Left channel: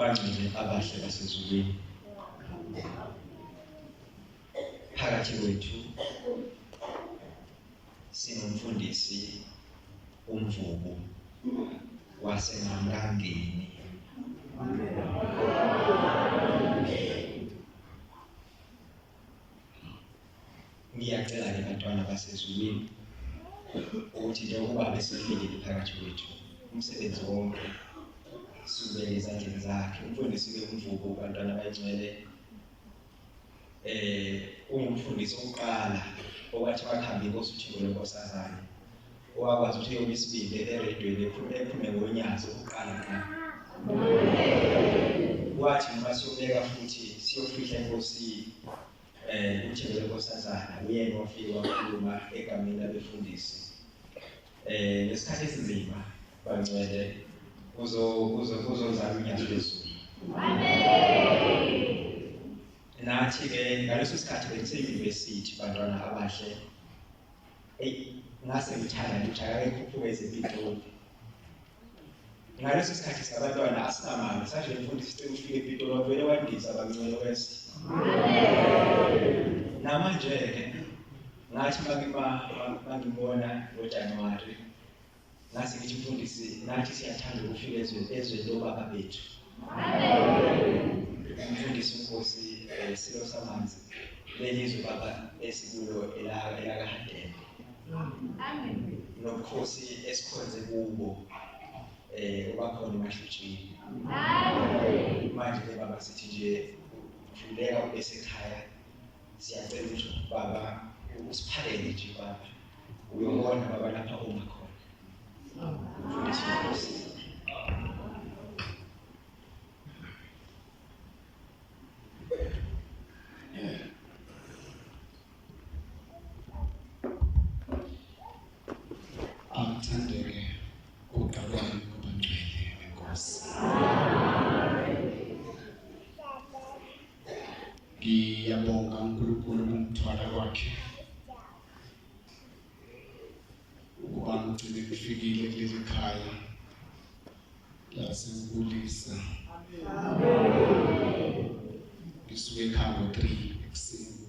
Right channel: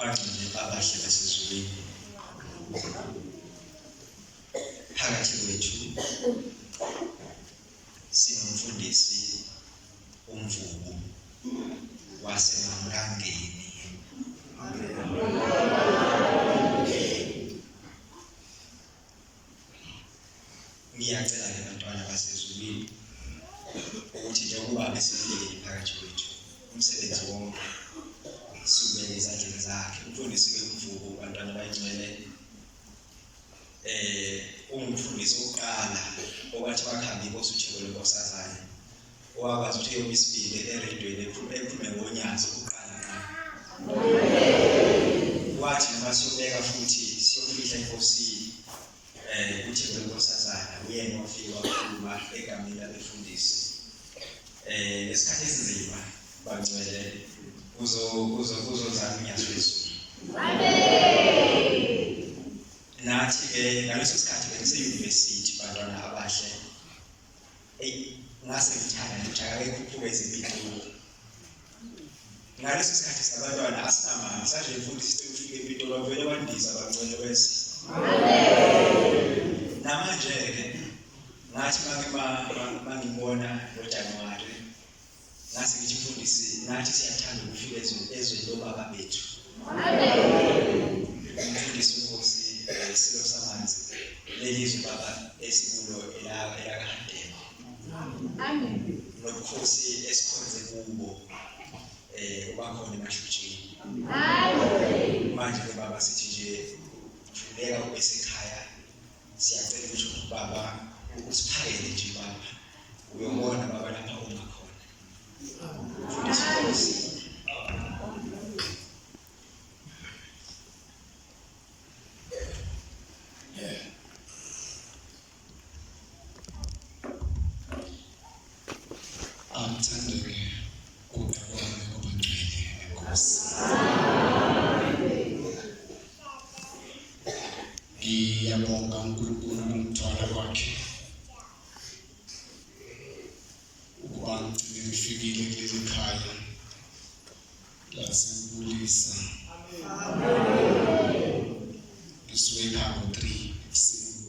bangcwele abahle basezulwini. Phakathi kwethu sinomfundisi uMvubu waseMamrangeni. Ngiyacela ke bantwana basezulwini ukuthi njengoba besilele phakathi kwethu umsebenzi wonke siubeke ezandleni zakhe. Umfundisi ke uMvubu bantwana bayingcwele ungumfundisi oqala okwathi bakhambi inkosi uThixo lenkosazana owakwazi ukuthi yomibili eredweni ephume ngonyaka oqala ngqa. Wathi noma siyobeka futhi siyofihla inkosi uThixo lenkosazana uyena wafika wakhuluma egameni labefundisi. Lesikhathi esinzima bangcwele uzozama unyaka lwezulu. Nathi ke ngaleso sikhathi bengiseyunivesithi bantwana abahle ngase ngithaka ekhuphuka ezePitoli. Ngaleso sikhathi sabantwana asinamali saje imfundisi sekufika ePitoli wavele wandisa bangcwele wese. Namanje ke ngathi mangibona ngoJanuwari ngase ngithi mfundisi nathi siyathanda ukufika ezweni lobaba bethu. Umfundisi uNkosi Silo Samanzi lelizwe baba esikulo elakahadema. Amen. Nobukhosi esikhonze kubo obakhona eMashutshini. Amen. Manje ke baba sithi nje vuleka ubesekhaya siyacela ukuthi baba usiphakele nje baba uyobona baba lapha ungakhona. Mfundisi Nkosi. Amthandeke uqabane obangcwele enkosi. Ngiyabonga uNkulunkulu umthwala wakhe ukuba ngigcine ngifikile kuleli khaya laseNkulisa. Ngisuke ekhaya ngo-3 ekuseni.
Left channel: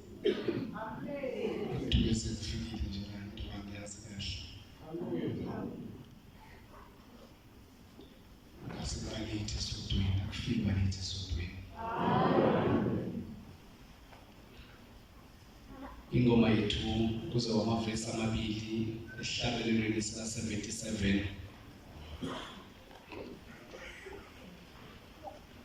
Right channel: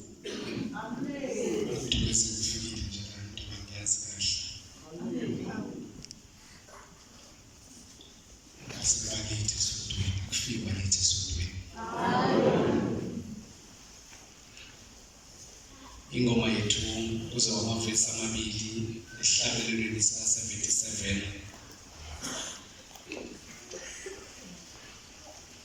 Ukuthi bese kufikile nje la nto ngiyazi kahle. Asibalethi esodweni akufiki balethi esodweni. Ingoma yethu kuzoba amavesi amabili esihlabelelweni sika 77.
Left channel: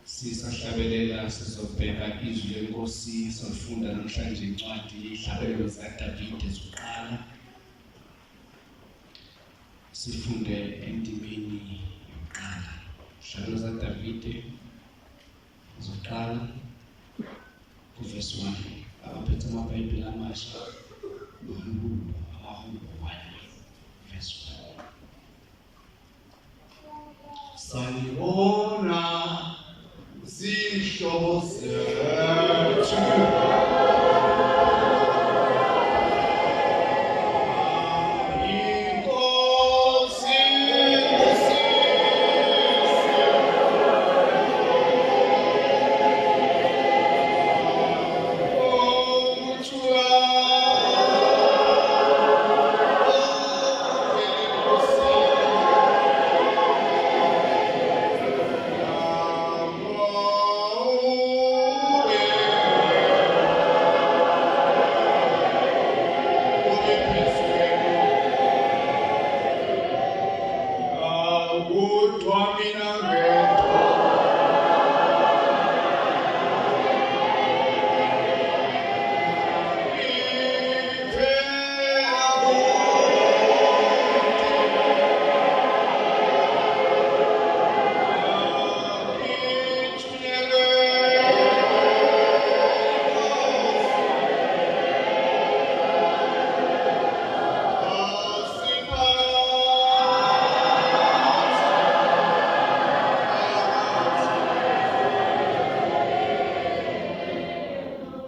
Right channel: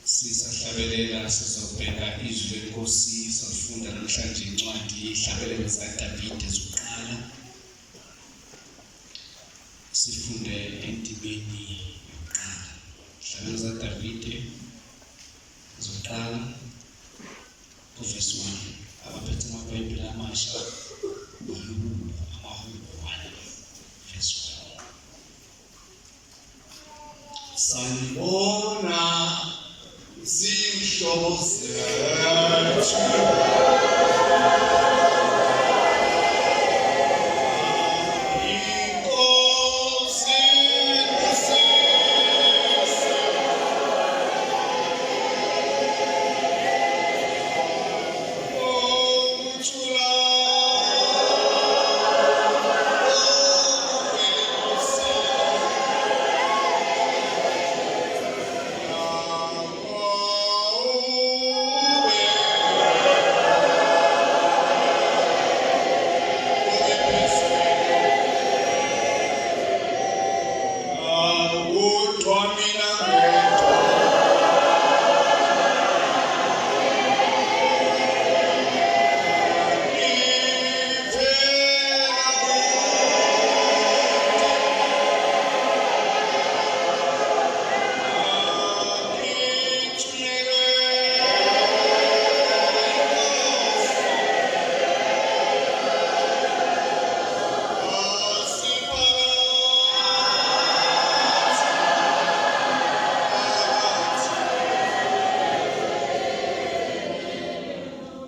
Sisahlabelela sizobheka izwi lenkosi sifunda namhlanje incwadi ihlabelelo zikaDavide zokuqala. Sifunde endimeni yokuqala. Ihlabelelo zikaDavide zokuqala verse 1. Abaphethe amabhayibheli amasha amahulu 1 verse 1. Sanibona zihlobo zethu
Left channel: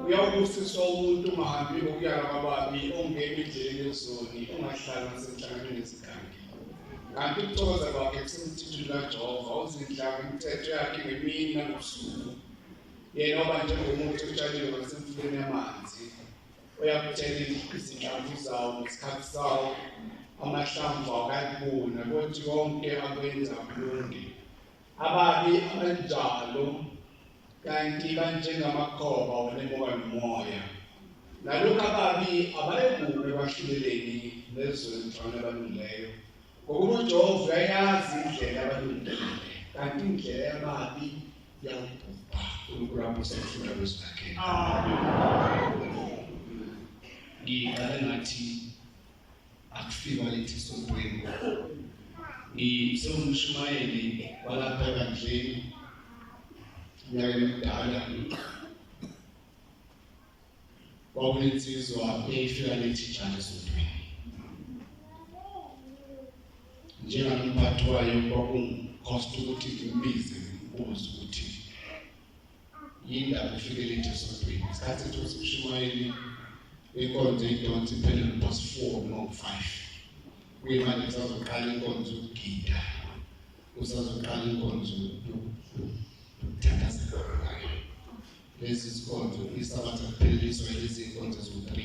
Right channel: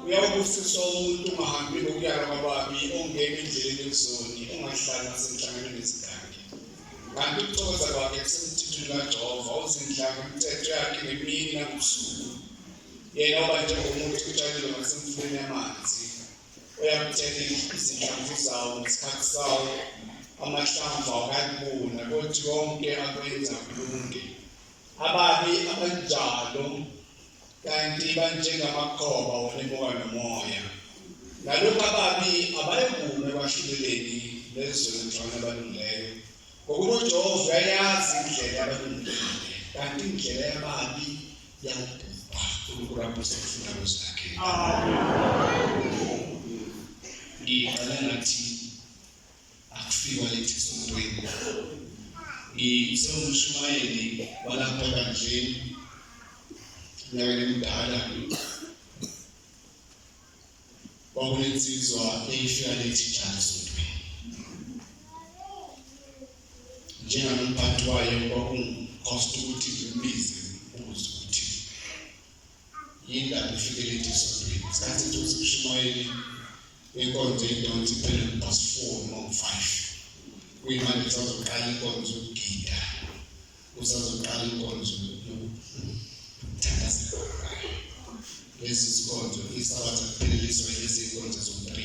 uyawubusiswa umuntu ungahambi ngokuyala kwababi ongena endleleni yezoni ongahlali nasemhlanganweni wezigangi. kanti ukuthokoza kwakhe kusemthethweni kaJehova uzindlaka imithetho yakhe ngemini nangobusuku yena oba njengomuntu utshalile ngasemfuleni yamanzi uyakuthela izinhlamvu zawo ngesikhathi sawo amahlamvu awukayibona kodwa konke akwenza kulunge ababi abanjalo kanti banjengamakhoba onemoka nomoya nalokho ababi abayekume kwahluleleni lezonhlanga abalungileyo ngokuba uJehova uyayazi indlela yabalungileyo kanti indlela yababi yawubhubha uNkulunkulu ufuna kwezakhe. Ngiqala ngathi akufikwa lethi esontweni ngisewumshumayeli walapha ebandleni nyakeni emdala kwakunensizwa eyifika lethi njalo esontweni njengamphathi wayo kwakungikhosta ukuthi ngimbize ngibuze ukuthi yindaba ufike lethi esontweni isikhathi sokuthi umshumayeli inkonzo idonsi phela past 4 noma 5 kuyimanje sazoqala inkonzo ukugida usazoqala inkonzo yokuthandazela lezi zinkonzo isabatha kupheleliswa lezi zinkonzo zo3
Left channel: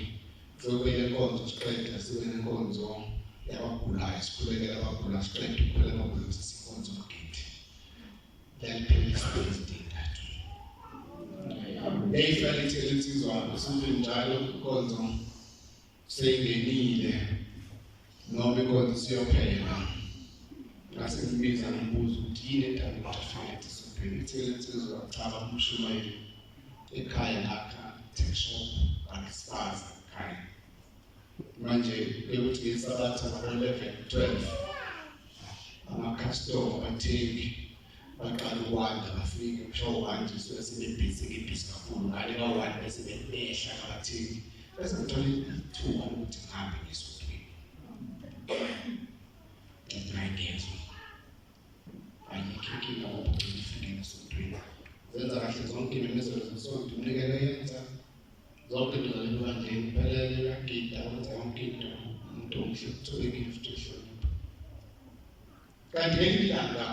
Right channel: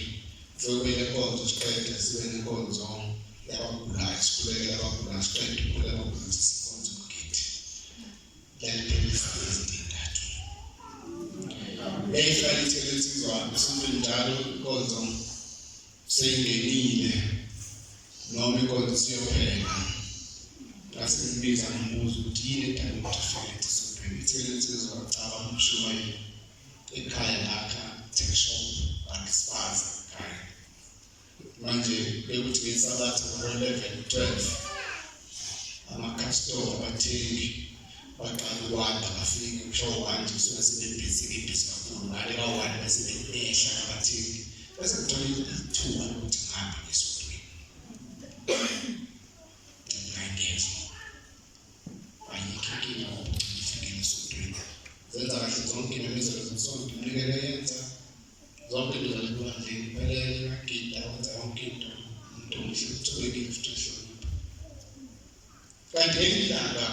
sokwele inkonzo siqeda sibe nenkonzo yabagulayo sikhulekela abagulayo siqeda ukukhuleka abagulayo sikonzo ukugida laphelisa izintathu Eyifanithi elithizwa usuku njalo inkonzo seyingenile noma inkonzo siyophela ngase ngibiza ngibuza ukuthi yini edala ukuthi ufike esontweni ithizwa chaba umshumayeli ekhaya lakha take shop akisipaza ekhaya manje bekuthi ngesabatha ngo-11-12 ama-customer abathengi baqala ukwanda bafike kusho wanje sebebhizi kakhulu ngale ka1 bese behla abathengi bese kuthola ithuba lokuthi ngihambe ngesontweni ngayingeza ayikho inkinga ukuthi ngifike esontweni zenza kahle zonke imemezelo zesonto umnikelo yenza zonke izalibona nje impelele yagida wenza yonke into umuntu omhle utholekile futhi ehlonipha kanti elilanga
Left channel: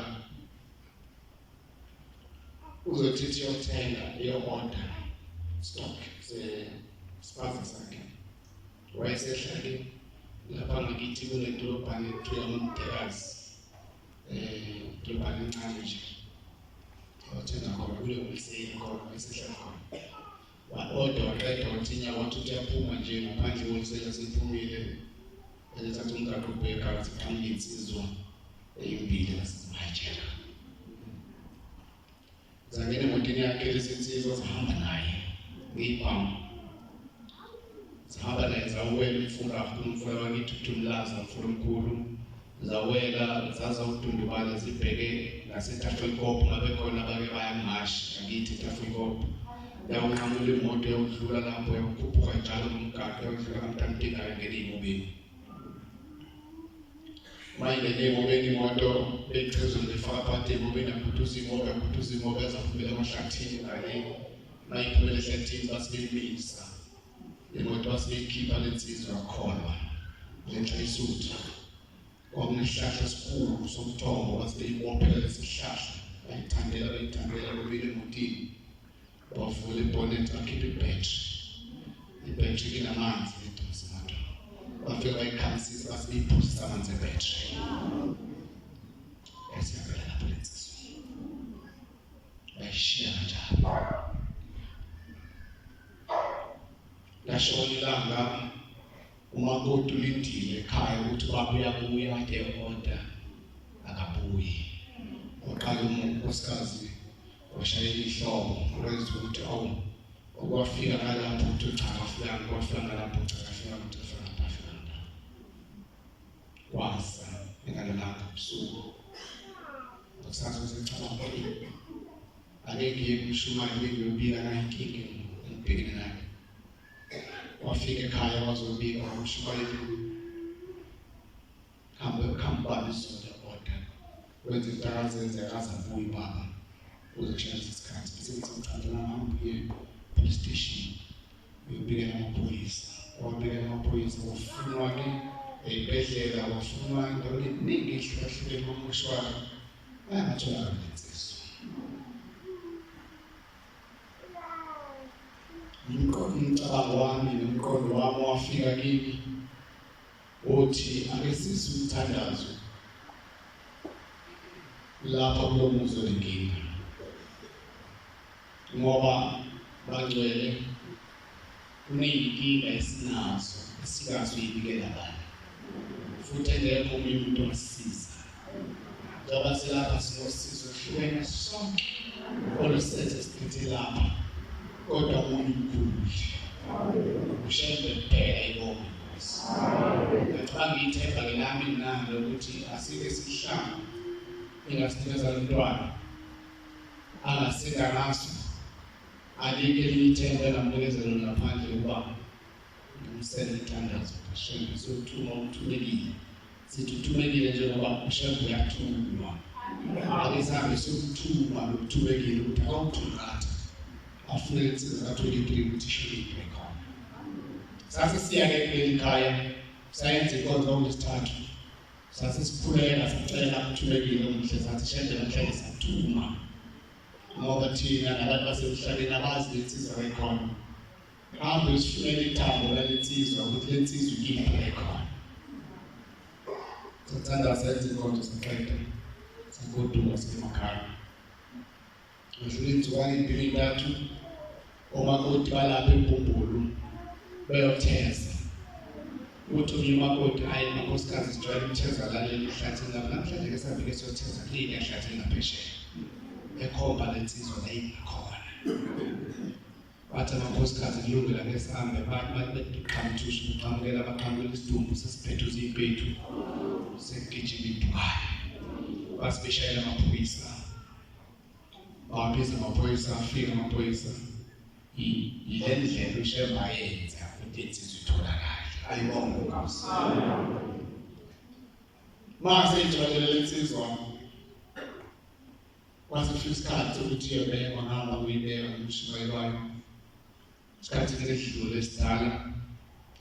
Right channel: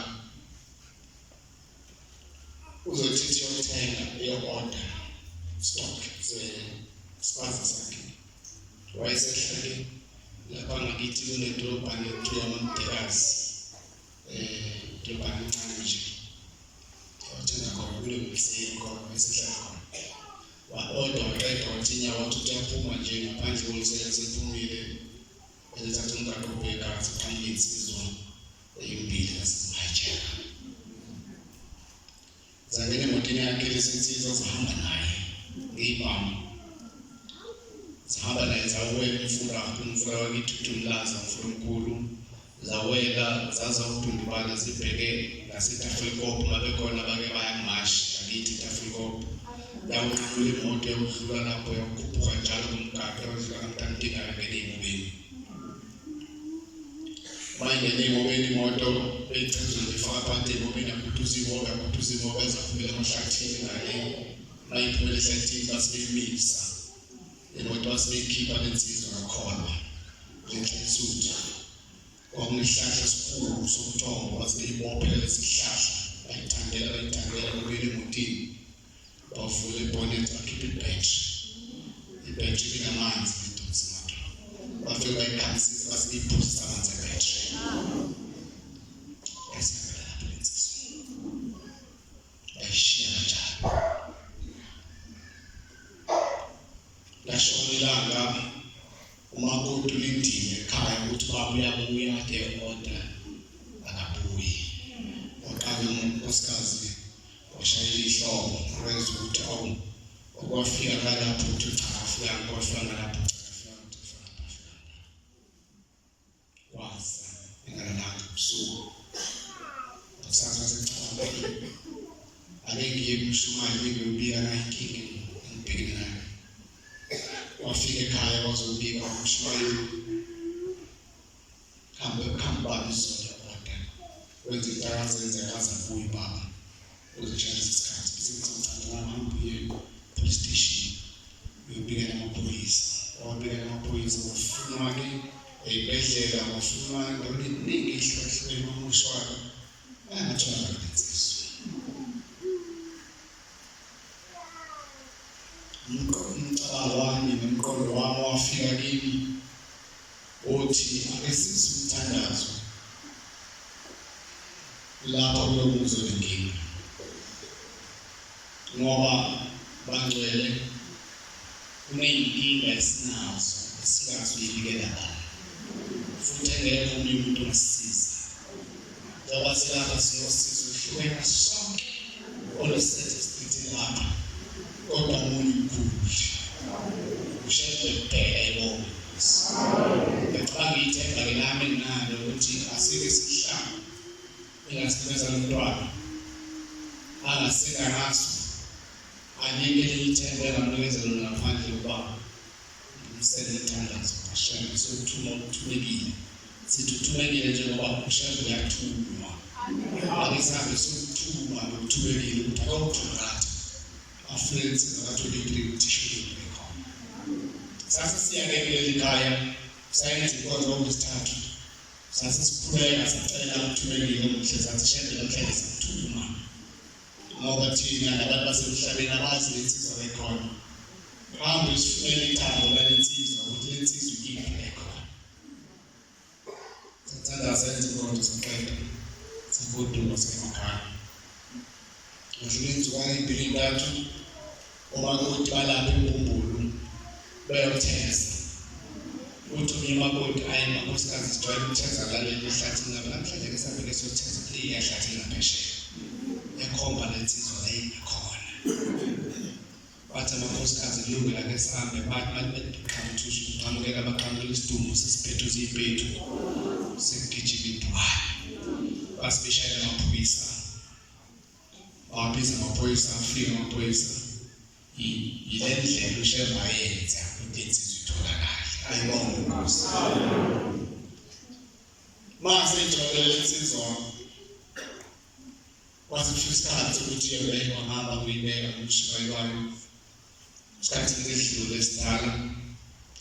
uzothithi yothenga iyo-order stock sesipaza sakhe wayesehlale lapha ngakithi kunedolobhane ekuthiwa uMdekazi idolobhane encane nje wathenga khona kule wholesale khona wayesehlala khona wa-order waqeda wathi nyawo wathi uyaphuma nje ngaphandle wholesale asephumile elethatha umgaqo ubhekazi phambili insizwa eyimbili ngasemhajeka zangena emotini yakhe lesinsizwa zahamba naye ngiyibamba zahamba naye zawela umfula wakithi uThumlaza umfula omkhulu zawela zaza udundubala zibheke ngaseTafelkop ngabe khona bake bayangashi ngakithi eTafelkop yawunqamula imoto yokudlula lapho yakhuphuka njalo kumgaqo yokudlula kaMntantinga ngene emobeni mayingene emobeni imoto beyiphezulu befaka phakathi emobeni yakuthuza imoto ezafumela emahlathini ngale mayiphumela ehlathini basibemisa imoto basibeyikhipha lensizwa yakholwa ngenxa yesuthu kwakunesihlahla esikhulu somthombo basibeyibophela lesihlahla bayithandela kubili emotini bavula ibonnet bakhipha ibhetri linamanzi lidonsa imoto bafika bayikhamisisa basibeyiphuza amanzi ebhetri esiyabela lapho lensizwa bayishiya kanjalo lashona ilanga umakoti ulindile ekhaya ukuthi babuya kade order akabuyi waqala unkosikazi washayela ihlobo wenza ukuthi okwafika ngalapho ukuthi uchafika ngalapho wasa engalalanga ubusuku usasa secaba ake ngiye kumshumayeli ngiyobika naye inkinga engibhekene nayo wafika ekhaya wazobika umshumayeli khamba izolo order wenza intaka zenzeka azabuye baba uzishaya isikhathi sesicela ngihambe police station uyobika amaphoyisa wabika amaphoyisa ufunwa ke ey'bhedlela ufuna endaweni eningi ehlukahlukene umushwana angatholakali insizwa. Umcabango wami nomqondo wami wafika kimi uthi ake sizwe umthandazo lapha kulo muzi wenkinga, ngoba bangcwele kuney'nkinga esinazo esingazi uyibikela ngani, futhi engekho omunye umuntu ongasisiza. Njengoba silapha sinosizo oluhlukene sonke olusethe siphethe lapha, kodwa omunye umkhulu ushede kuphela ibonge. Ngicabanga ithemba-ke nami nginalo ukuthi asike sihlanga ingasimeza lomntwana angasika ngaso, alike liyithemba engamnikezelo ngaphandle ukuba ngimsele ithandazo kashembe sokuthuma ukuthumekile. Sithi uthumekile njengoba ushembe uyathunywa, ake sihambe sokuthuma nokuthumekile ukuthi akawuthungatha afune insizwa ka-23 ukuthi ishiyeke khona. Sase siya-ke kuleli khaya sayenza inkonzo ngoLwesithathu, sase sikhuleka sacela ukuthumekile umuhle, sathi shembe namhlanje sathuma ngoba thina nabantu basemhlabeni abazi lensizwa ekhona. Hambe sifunele ithando lensizwa ukuthi lensizwa ikiphi ekhona. Sathanda senze inkonzo saqeda sagoduka semakhaya. Ngadlula inzukwana ey'mbili ey'ntathu omakoti balapha eMbumbulu bayotheza. Uthi umnye umakoti ayi makhosikazi sijwayele ukutheza laleli ehlathini lapha, namhlanje-ke sihambe-ke siyotheza kuleli ehlathini ngaphesheya ekhomba lensizwa leyikhona. Bathi amakhosikazi kulungile-ke sihambe, bathi qhamuthusha uqhamukela abaqhamukela isidumbu sesiphethe uziy'pethu sekugijima idwala. Basibeshayela amaphoyisa, babiza amaphoyisa, afika amaphoyisa. Yile ndlela ushembe ayenza ukuthi insizwa itholakale. Ayibonge Nkosi. Mase ijwayele lensizwa wasifika isikhathi sokuthi iyobekwa, ngihamba ngiyibeka ngimshumayelayo. Isikhathi ngesidlule esidala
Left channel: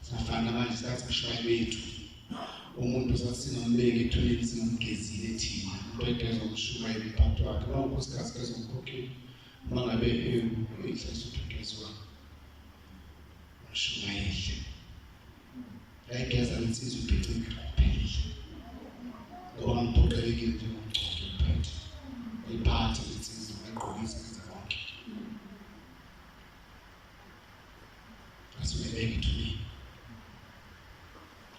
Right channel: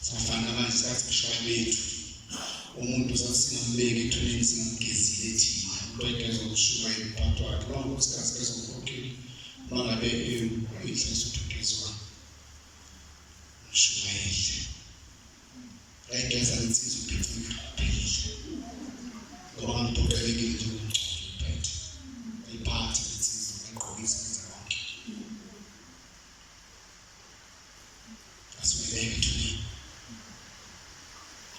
safana manje isikhathi kushaye bethu. Umuntu sasingambeki ethuneni singamgezile thina. Umuntu oyigeza ukushumayela umphathi wakhe. Unkosikazi kezomkhokheli uma ngabe ihlisa uthugezwa umshumayeli. Ayigeza lensizwa uphethe kuphelile. Ngoba ngiphoqelekile njengomngcwele uphethe. Iphathe lensizwa ayigqokise ngenza konke. Asibeleke ethuneni.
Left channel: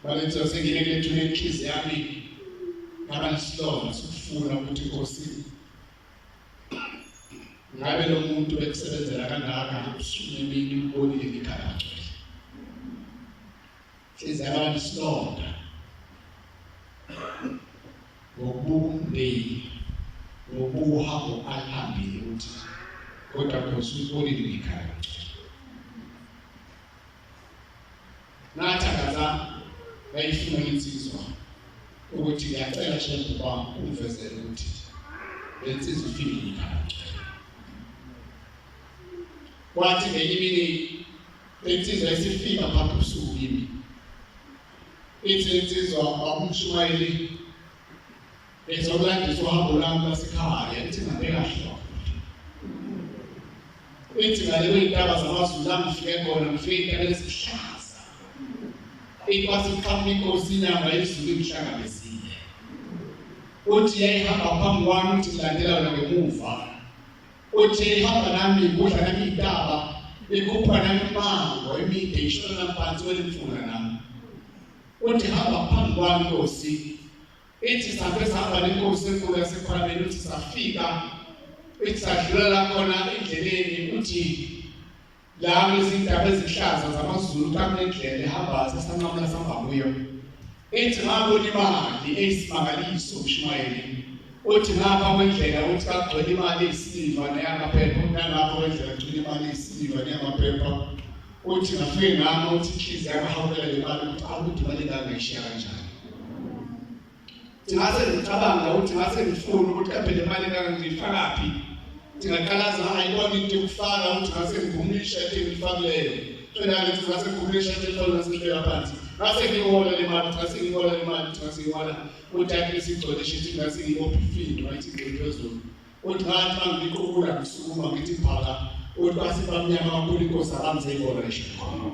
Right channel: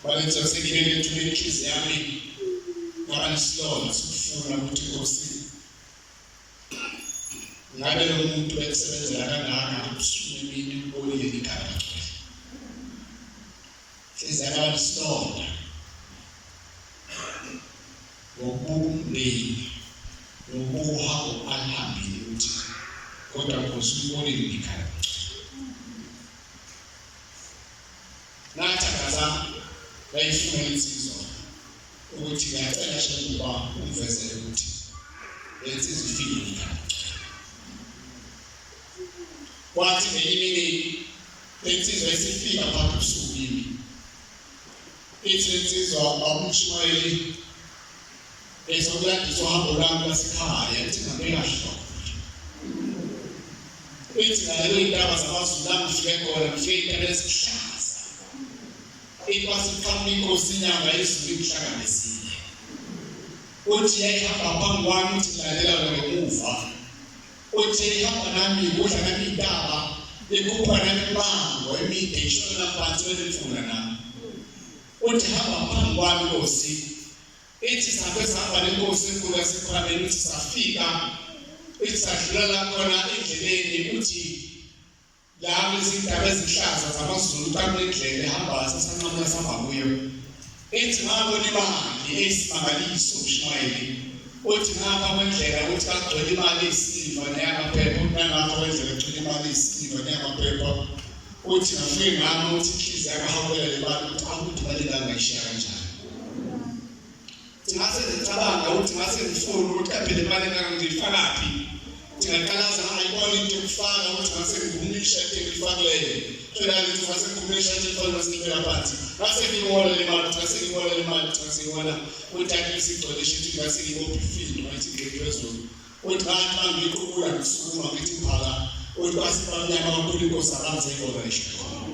Balensizwa sengibeke ethuneni inhliziyo yami ngaba nesilonda sokufuna ukuthi Nkosi ngabe lo muntu bekusebenzela kangaka ubusuku emini ubonile ngekhaya bagcwele. Inhliziyo yami ngaba nesilonda ngokubuka umndeni ngokubuka uhambo alihambile ukuthi kodwa Nkosi ubonile ngekhaya bagcwele. Nathandaza bayifuna insizwa ukuthi ngiyacela shembe uba umvezele ukuthi lensizwa ifike ngekhaya. Kwathi ngenye imini lensizwa isifika phakathi ubusuku kimi. Ithi lensizwa babumshumayeli ezokulandisa uhambo lwami lwasekhaya, ithi ngibeka kahle. Ithi ngaleyo iy'ntaba zamaZulu la ngifike khona ngifike iy'ntaba ezihlaza. Ithi wasiqhamuka inkosi inyanga yezulu imhlanganisile. Uthi yayihamba phambi kwami, uthi ngilalela wena ngemuva. Uthi ihamba nami kudla nami iy'ntaba, ikhupha nami imango emide ishona phansi wenemfula nami. Uthi hamba phambi kwami Nkosi. Ithi sabe sahamba nenkosi enkulu yasekhwameni, uthi safika, ithi sadlulela khona endleleni, uthi la kulezindaba ezihlaza zamaZulu kambe indlela ehamba sasanqamula sihamba kuyo. Ithi ngabona imali eyisimangaliso umshumayeli. Uthi ngapha kwendlela ukuthi kagcwele imali eyisiliva neyamaphepha, nangapha kwendlela kugcwele imali eyisiliva neyamaphepha. Uthi ngafike ngama uthi inhliziyo yakahawukela le mali ukuthi awukuthi imali engangayishiya kanjani. Ngase ngicabanga ukuthi ngase ngifuna ukuthi kambe le mali engangiyifakaphi. Ngingaqalaza ngayibona into yokufaka ukuthi ngase ngivumile ishade engiyifakileyo. Finally ngasekhulumisha iphone sibeka phansi. Ngase ngibona le mali, ngase ngibona uthatha isigcode shithi ngase ngibophe ifini wayithi ngephezulu. Uthi ngathi mangikukula ngisukuma ngithi phaka. Uthi basibamnyama kakhulu inkosi aramze iboreshe khona.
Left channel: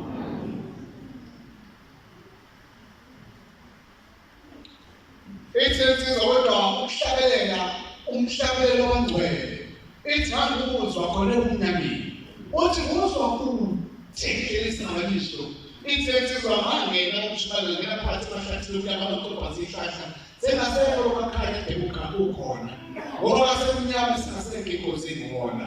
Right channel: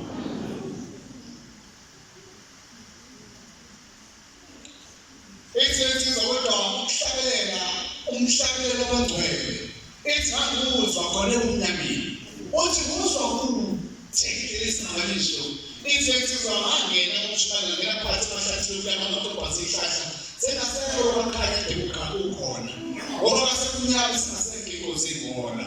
Ithi izowedwa ukuhlabelela umhlabelelo wangcwele. Ithi ngakuzwa khona ebunyameni. Uthi kuzwa kuthekile isingabanisho. Ithi insizwa mangena umshibana ngena phakathi emahlathini kuyamakhona ihlahla. Sengasekho lokukhanya ukhona. Ngoba sekunyama singasekho singona.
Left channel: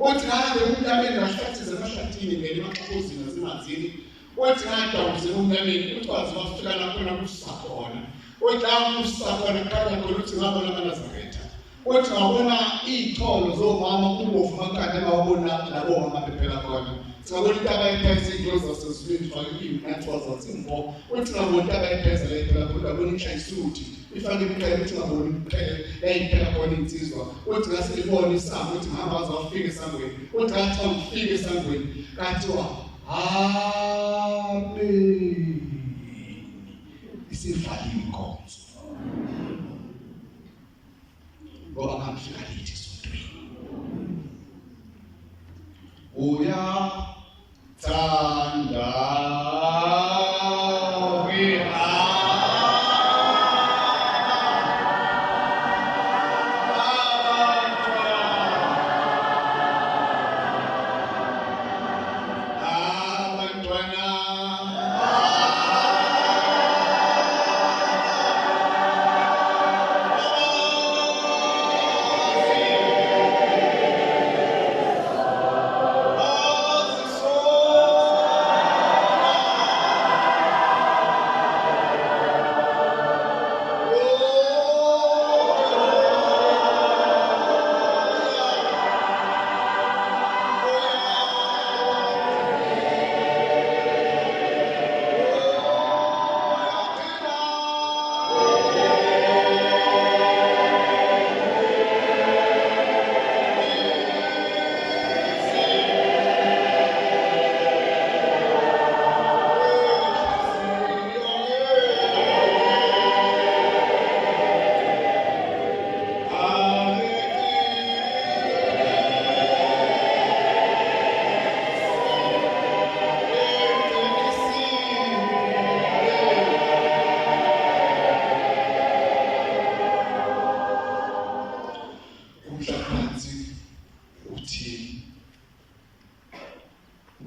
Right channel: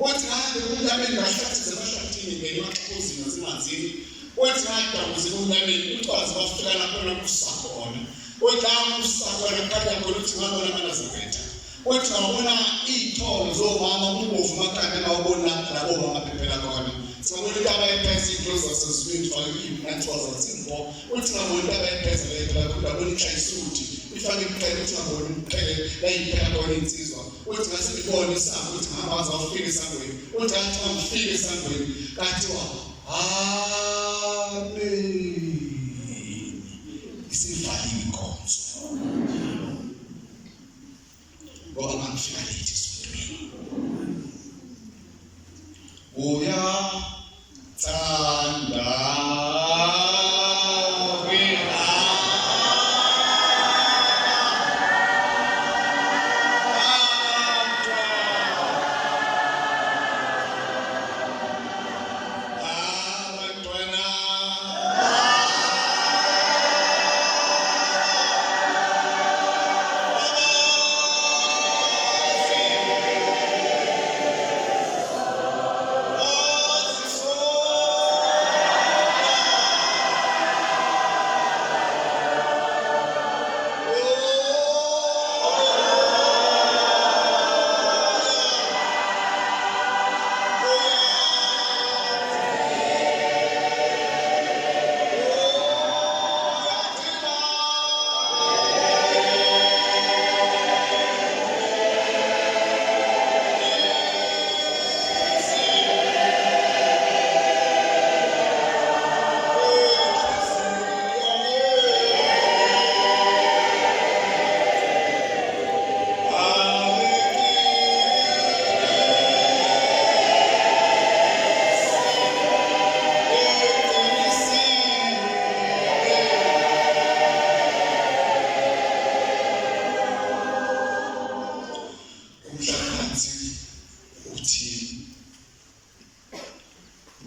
Uthi ngabe unyameni ngahlathini emahlathini ngene emaxhuzini nasemanzini. Uthi ngadabuze unyameni ucwazi bafika lapho kusakhona. Uthi usakhona khanya khona uthi ngabona amaNazaretha. Uthi ngabona iy'tholo zomama ubovu makhanda ngawabona labo mama phephela khona. Singabona into abayiphethe iy'nto zasezulwini ifake iy'nathiwa zasemvo. Uthi ngabona into abayiphethe leyo khona ngabona inhlayisuthi ifake imqhele uthi ngabona imqhele yayiphela khona insizwa. Uthi ngase ngibone isango uthi ngihamba waze wafika esangweni. Uthi ngathi ngifike esangweni kathiwa amen. Isivaliwe inkonzo. Ngoba mangifika lithi esontweni. Uyathanda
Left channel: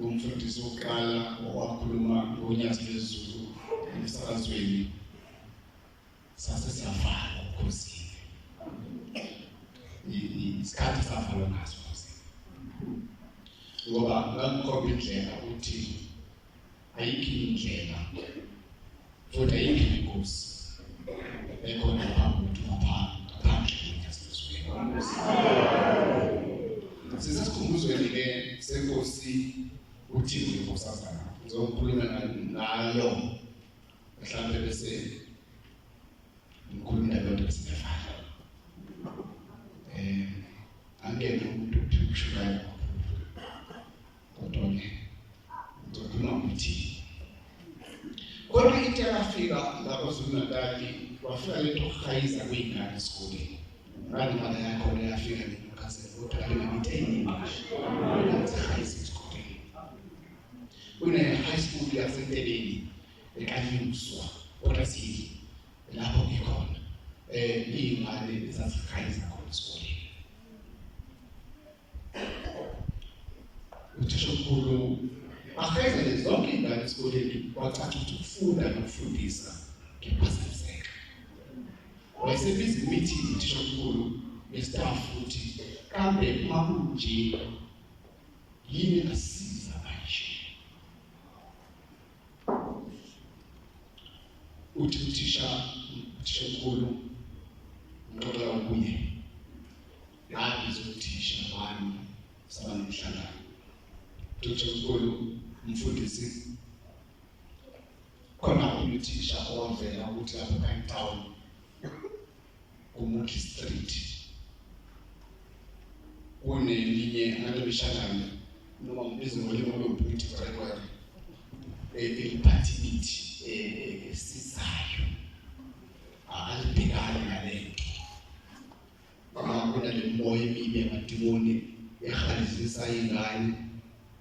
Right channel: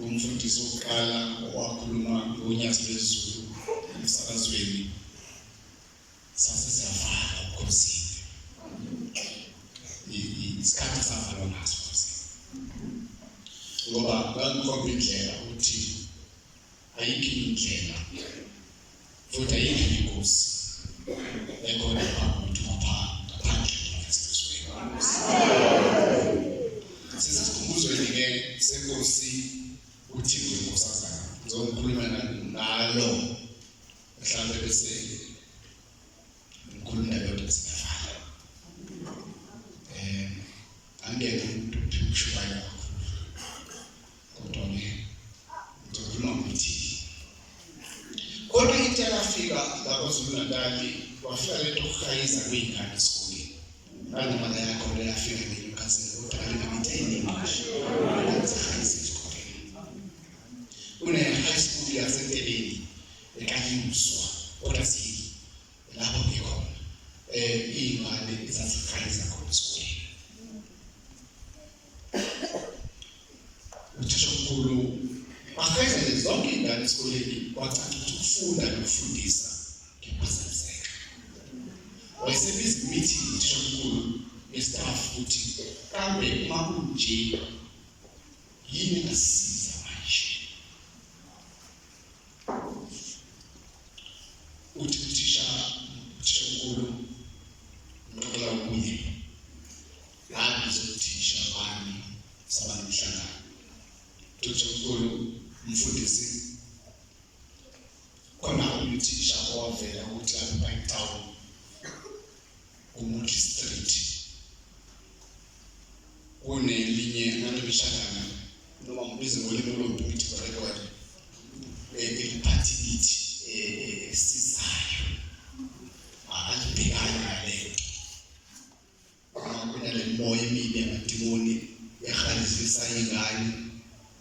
umfundisi oqala owakhuluma ngonyaka lwezulu emsakazweni sase siyavala ukhosini isikhathi savala naso ngoba ngangikhomba indlela ukuthi ayikho indlela futhi ayikho inkosi ekhona phakathi ngaphandle kwesizwe sesikhumuzweni ke senkosi uthi ngosazana ngizokhuluma ngalo mhlawumbe bese ngikhuluma nabantu besifana angeke umuntu uphishukela kodwa ngizokhuluma ukuthi kodwa into yafika lapho eZulu-Natal wafika lento kuhayiza kwey'ngane esikoleni ngangimaka yakho le yafika ngenyukasela kodwa kalingabitheni high school yasenteleni ekanyuswa kodwa siyile lapho ngikhona iy'ngane ezazihayiza khona esikoleni. Uthisha omkhulu ahayizele zonke iy'ngane esikoleni kwacaca ukuthi ukufunda nokufundisa kuyaphazamiseka. Wayesebiza i-meeting uthisha omkhulu yestaff ukuthi kambe uma kunje yini engasiza manje. Uthi uthisha omkhulu ngoba ubuye yabiza uthisha bani sabanamhlangano. Uthisha omkhulu umfundisi khona uthisha owavela ukuthi lapha eTown uMuki Street kunelinye ngalomhlangano noma ngibiza ngolimi lomphakathi eliphathilithi sizayo alibhekani nalento kuna le moya emibi yamadimoni ekhalizisa ingane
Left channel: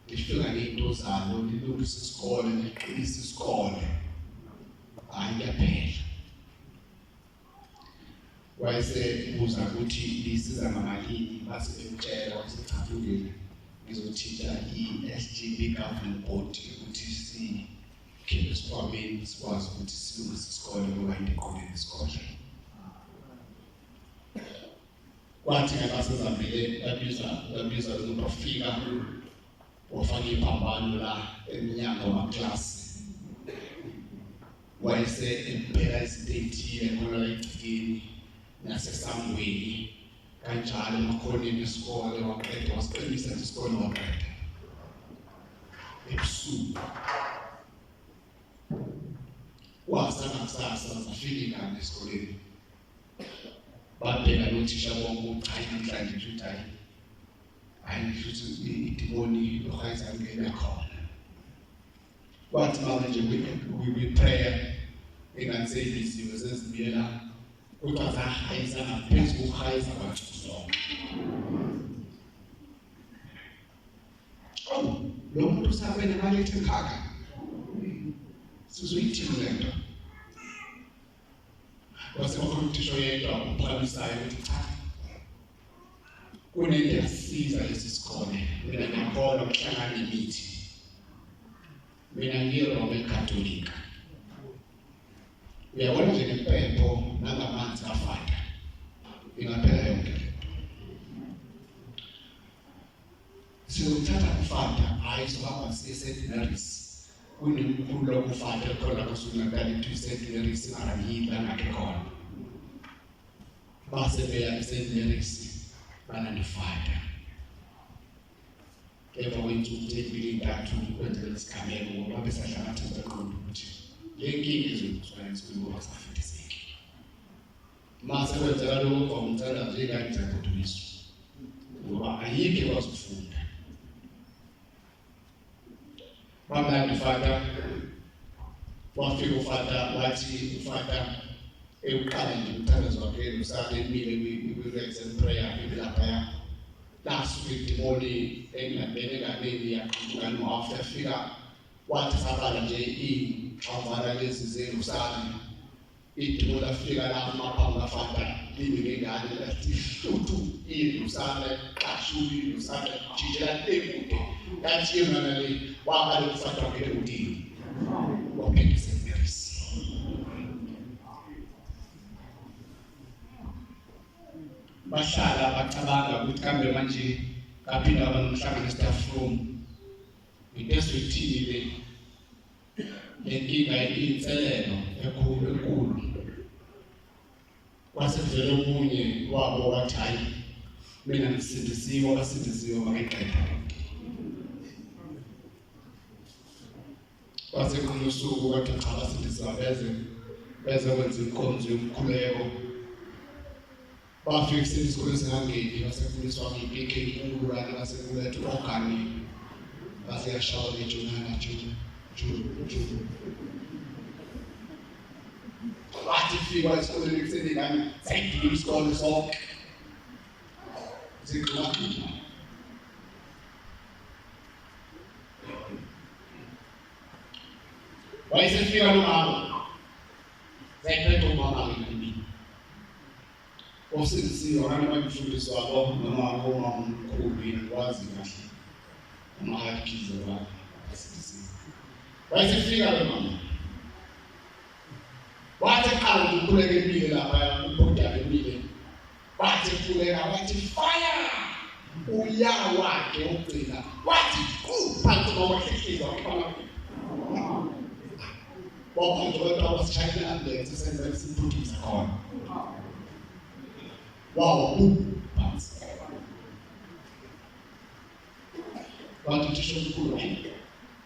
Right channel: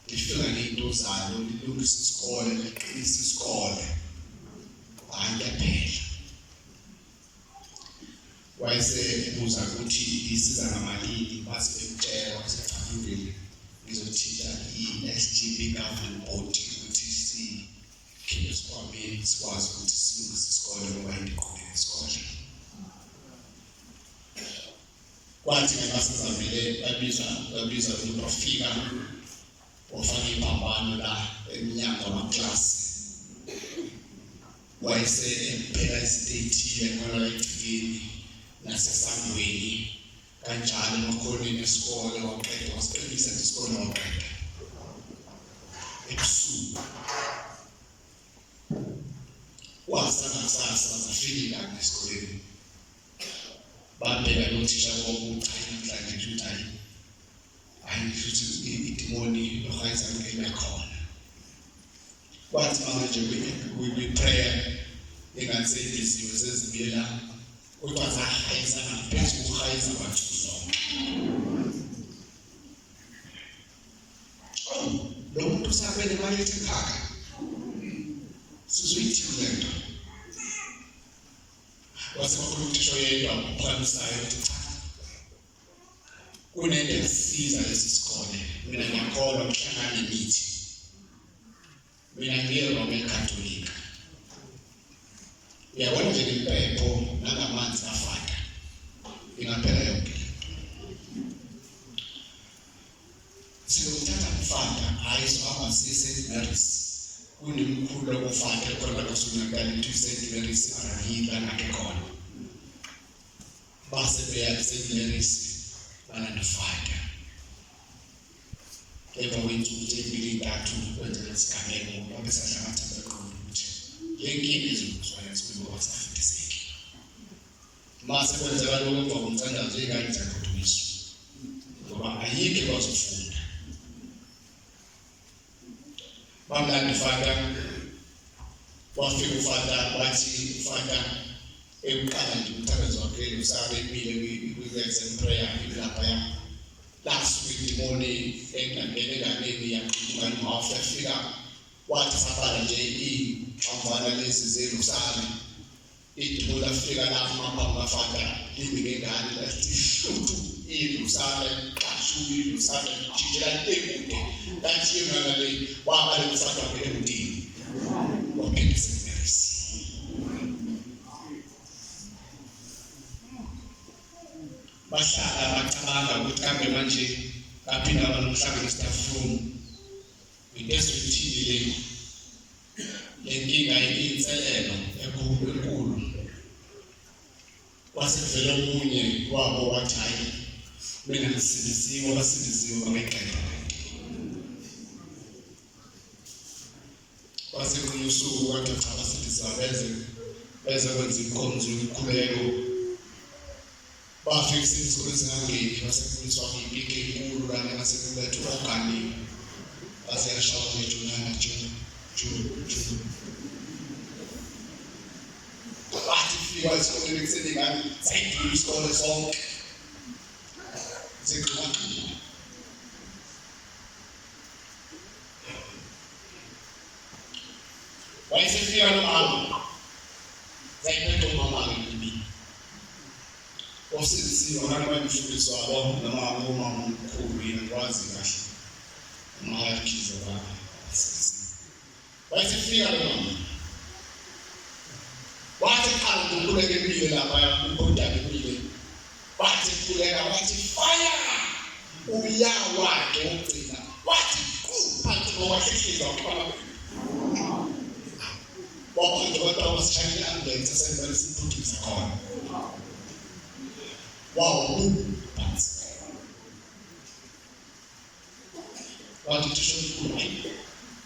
lifika nento zalo lilungisa isikole liqinisa isikole ayaphela wayesebuza ukuthi lisiza ngamalini base bekutshela wasechafundile ngizothinta i-SGB government body ukuthi sikhiphe isikhwameni sikwazi ukuthi silungise isikole ngoba into eqondene nesikole. Kwathi nabasezamele babiza ukufika wafaka iphambano la eminyango wamaklasi wayese empela istate yenqola igcikini nasesangweni kanjalo emakhoneni esikole waqeda wasiqinisa isikole waqeda ebusuku wasana kusasa zafika esikoleni babheka nothisha bonke uchayi namhlanje ukuthi hayi futhi idimoni lokhayisa ngeke khona kwathi manje we prayer engaseyiziwe sezibuyela kodwa zahayisa ngaphezu kokuhayisa abantu zonke. Lo muntu usabene imali ethi khaka sizoyithini lento wasekhona uthisha yedwa uphakamisayo ukuthi cha kunento esiza lesi sikole mina ngiyakholwa ukuhlangana nemithi mina ngiyi-Roman Catholic uyabona nje impepho nangamanzi afaka ingaphela yonke siyothatha kufanda hayi sohamba siye-St. Mary's kunemkhulu lokufanda khona kusunyakala into i-St. Mary's ingahila ngakhe khona base beya e-St. Mary's banandofanda emva kwey'nsuku ey'mbili ntathu kwenzela isigameko ngoba besadla amathemba eqonda ukuthi lenkinga ezokuswayensi kuyingoba kusafundiseki mase kwenzeka lokho emva komthandazo iy'ngane zagodukiswa ngoba ayikho ekwazi ukufunda bamlanda ufanda wafika ufanda wathi ufanda ekuqala nje umthandazo wakhe usake emile kwi-exam prayer ilaphaya lasuke idimoni engangene enganeni yaqhubukani after afika wathi sabala nje iy'xavana lezi zelusane idimoni lafika lapho maphambi kafanda limi ngengane lathi hluthu ilusane qashuka ilusane jijela ekude kanti yona le wabale kufanda ngele kudini waphinde St. Mary's. Bahlala bacabanga ukuthi kambe manje kaphinda banomhlangano staff room ngitesithini le nkinga iyinselelo enkulu wasevele omunye wabo wathi hayi mina ngisindisiwe wasindisiwe bangeqeda wasekunye usuku kade cha basindisa beze kwenza inkonzo yomkhuleko bafika esikoleni sangangeni basekuliswa ngipike inkulu kanye basekulethu organic baseyashawa lejunana ju bathi fika esikoleni kuseni ngani sayidila isikole sonke ziqhubeka wayesefika nomama zayiphethe umama ngemini osizisiwe abantu abafundiswa abo noma omkhulu yakwazi kahle umahakhiza baba asizisiwe wayesefika nomama wathi qala ukukhuleka empilo lapha ubhodala empilo wathi kukhuleka wathi fire uyawa ke ugcina wathi kuphansi ngokwahlikiza ukufana wabantu batawasishayela ambulance esenza isiphuthuza khona wow phansi wathi thisho omkhulu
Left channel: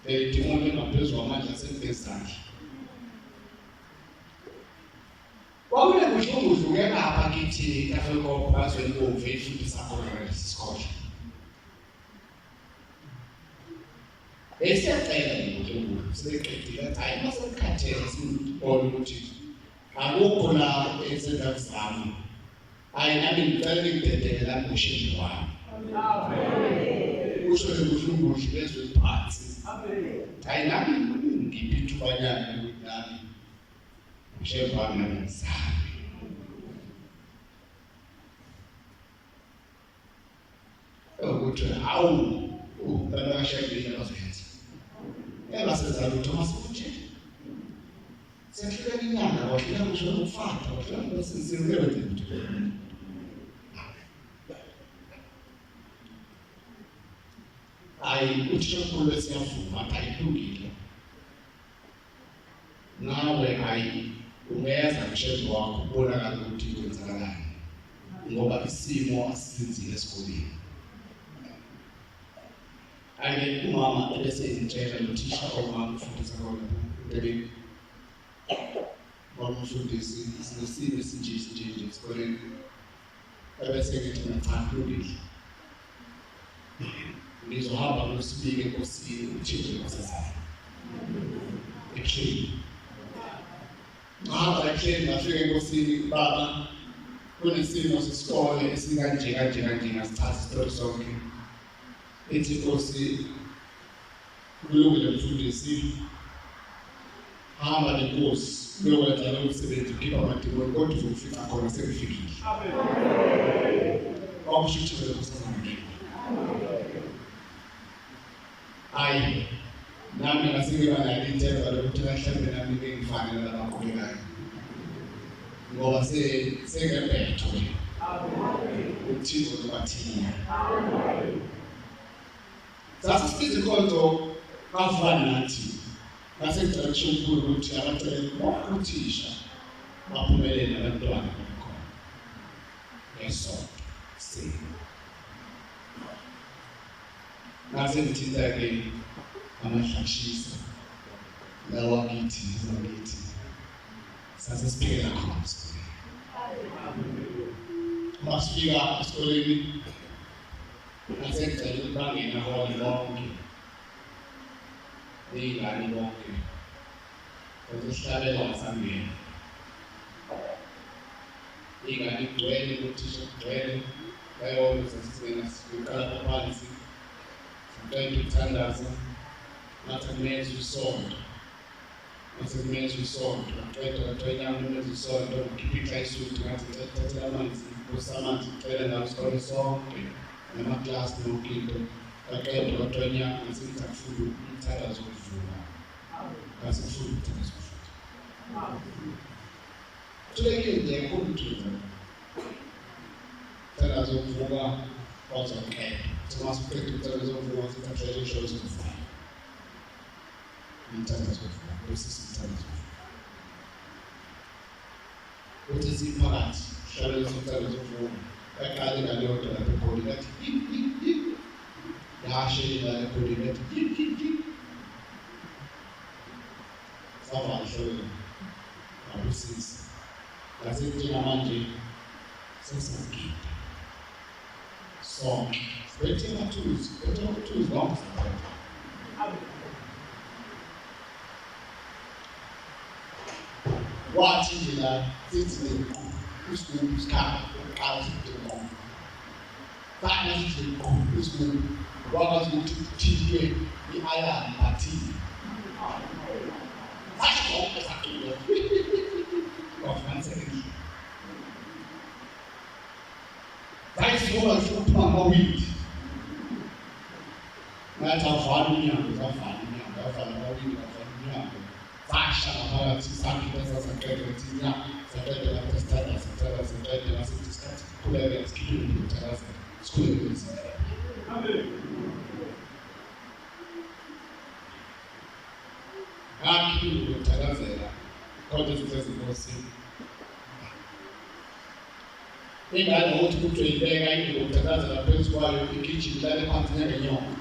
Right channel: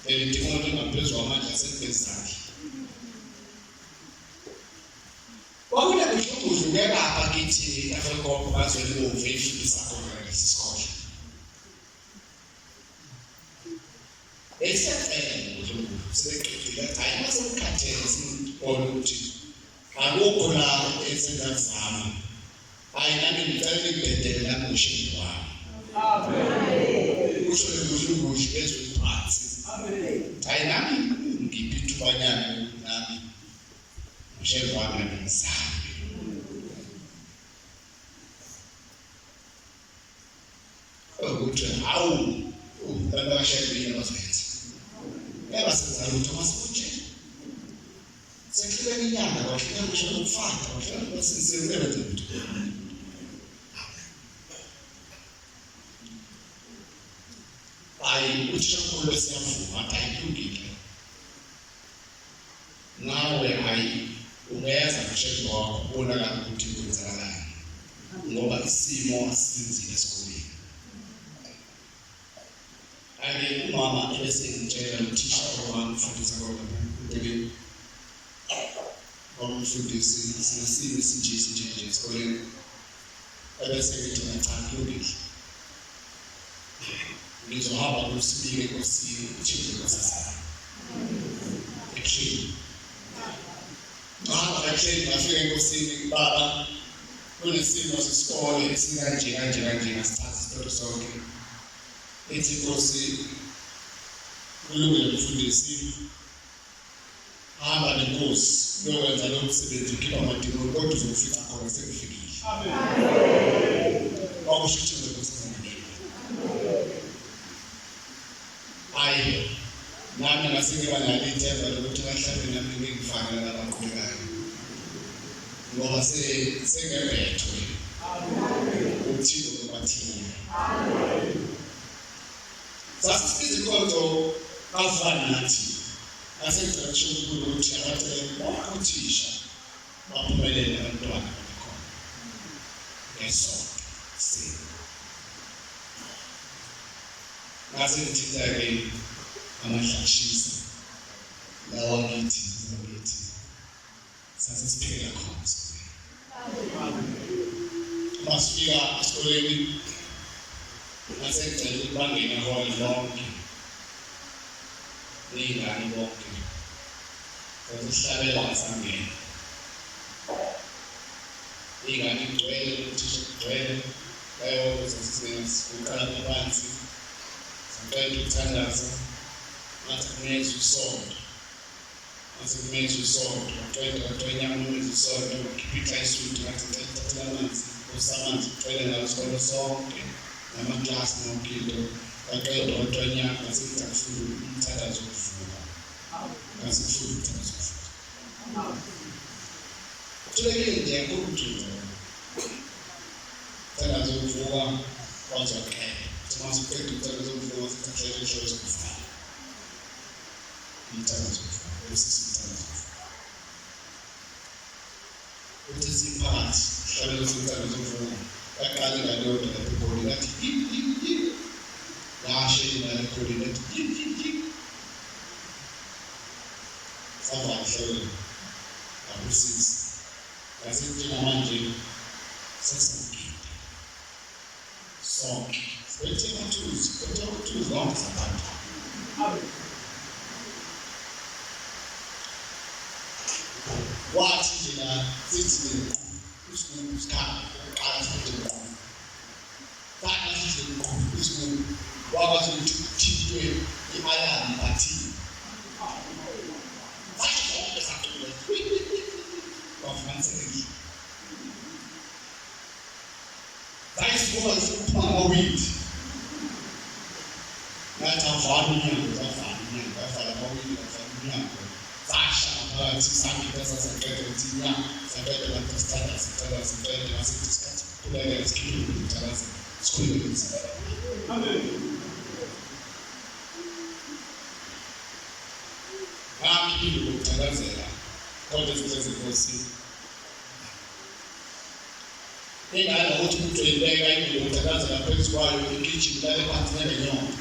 le demoni ngaphezulu amandla asebenzanga wawule kuhlungudluke lapha kithi Afrika bazweni bove ifundisa khona isikole esiyaqela ngokuhlungu sebeqedile hayi masekukhathele sibone ukuthi akukho la esenzazama hayi nami ngicela ngibhedele la ngoshini wami amen usho ngokuhlungu bezwe phansi amen hayi nami ngiphi ubanyana nami ngoshini wami ngisana ukuthi hawu ubaba shayile bazenza ebasenza lutho masikuthi sekufika inyanga wafika ngisho ukufata wafika basenze lutho ayi uthi ukulo siyavuma ayilungile nawe ayi ungeza ngisho wakho ubonakala ukuthi kwenzakalani ngoba isimo asinzile esikoleni ake umama ebesengitshela uthisha omamfundisa kona bebe omfundisi sinesimo sinje esikoleni ebesengithi ngicaphlukile ngizohamba kusibike nkosini uthixo nkosazana ekhini ekhini ngafika enkosini baba kunesimo sesikole esikanje ngasithatha isitori sonke ethi Nkosi kulungile mfundisi hamba nenkosi uyokwenza lo msebenzi ukhipha amadimoni kodwa uzofika khona sekufikile amen akusho ukuthi uzokuzamela ayi nami ngasikuba nalithemba lokuthi mhlawumbe nami ngifanele labaqhubekayo ngoba sengembethwe amen uthixo ubathina amen sasifize konto afana nathi asekuthi ukuthi abathe bakuthisha baphumelele abantwana bakhona ngesonto si nasengithinta ke amahlashisa lawa ngithi sasesiphela khona masifika esikoleni nasengicela bangena hall lonke ingane bonke sasihlabela sangena ingane igcwele uthisha igcwele bayona sasisena siqala phansi saqeda ukuthandaza ngathi kumeza usonto qeda kwathonya umeza usonto ngiphica isudu ngathi ngithatha amanzi usamanzi ugcwele ngawo isikole sonke namaklasi nonkinto aqeda kwathonya ngasithi akufuna umthandazo wokuvuka ngasifuna umthandazo wokuvuka tulekile nje kumjuza umthandazo wokuvuka kwazokela simasiphethe umthandazo wokuvuka sithathele ishoyo sokuvuka umthandazo wokuvuka besisi umthandazo wokuvuka uthi siphakathi hlabela umthandazo wokuvuka yaqala ngalonto lapho ekhona ngathi yashe imali ekhona ngathi sabahlelo abusisi ngasithi manje sesingida sonke bethe mathuzi lonke saphatha wathi nje la sithi usikhulu isikhala uqala sithi Fana sithi usikhulu wakwazi ukuthi uthintwe i-iron bathini Sathi zonke sathule wafanelekile Sayivuka siphuma ngowindi ngathi avana umnyango avala ngowindi umnyango Sasha phakathi sakhipha saqeda uthina saqeda la standard saqeda masithi isikhathi kukhuleka isikhiphile ukuthabaza sikhuleke nzima amen akhiphile ukuthabazela kodwa izinto Nkosi ingane ukuthi umuntu uyibeka indlela ukuthabazela phezu kwayo ikitchen lale phansi nenyongo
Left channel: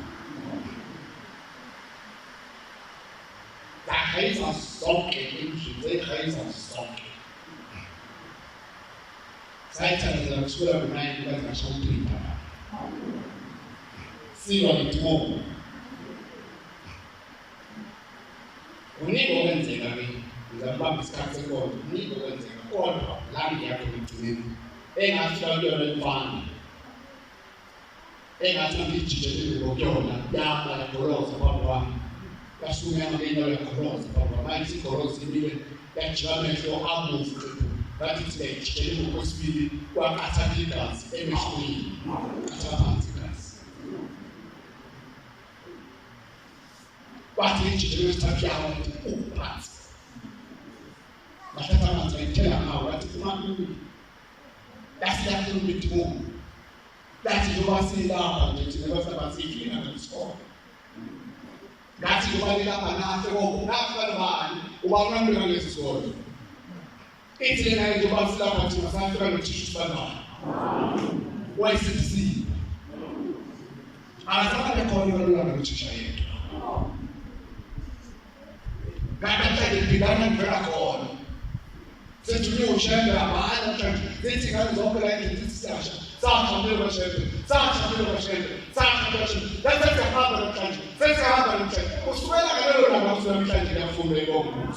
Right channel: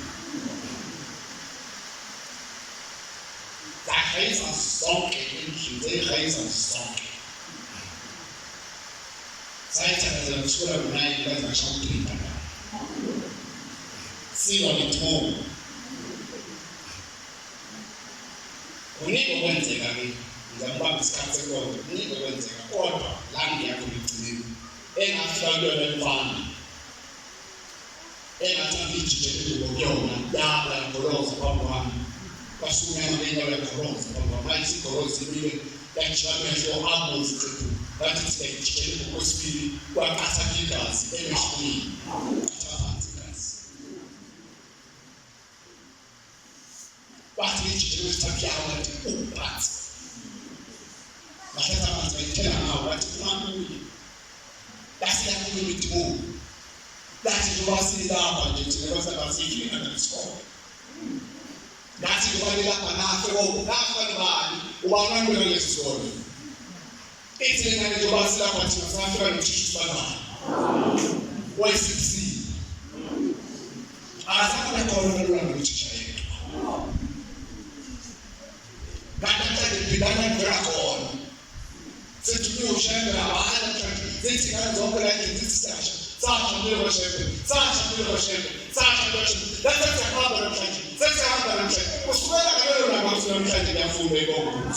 Reisa sonke indlu reisa sonke sayithandazela kusukela ku9 kaze ngasho ku3 siba nithomo Kuningi okwenzeka-ke, ngizambamba isikhathi sekonzo, kuningi okwenzeka, kodwa la ngiyakho ekugcineni, engafika kuyona emfana, engathi ngijitshelile ngokuyona, yaba yagoloza phambi kwami, kwasunyama ngeyinyawo yagoloza phambi kwami, manje isigoloza imile, yajika amehlo abomvu xephu, ngathi thina ngijitshelile ngokwesibili, kwaqathaka igazi emehlweni, qatha phansi igazi. Wathi ngijitshelile isithathu yawo, wathi uphansi. Bahlatha amanzi bayithela ngawo, wathi uMaNtuli, lasiyakhuluma imithi Lathi njengoba silapha nje thina kwasabasifike ngalesikole. Ngathi njengoba lilapha nafe nafa nobani ubani wami ngesikole. Ithi lena njengoba silapha thina safika nothisha isibani. Wayesisi. Azakale khona lona nothisha yethu. Kanti philana ngivela khona. Sethunywe ushayela abahla mhlawumbe zithi ngane zonke la endlini sisasha. Sahambile kwashembe. Lapho sihamba namhlanje. Sesihamba namhlanje. Kusukela ngalelo langa namhlanje ngiyafunda iBhayibheli.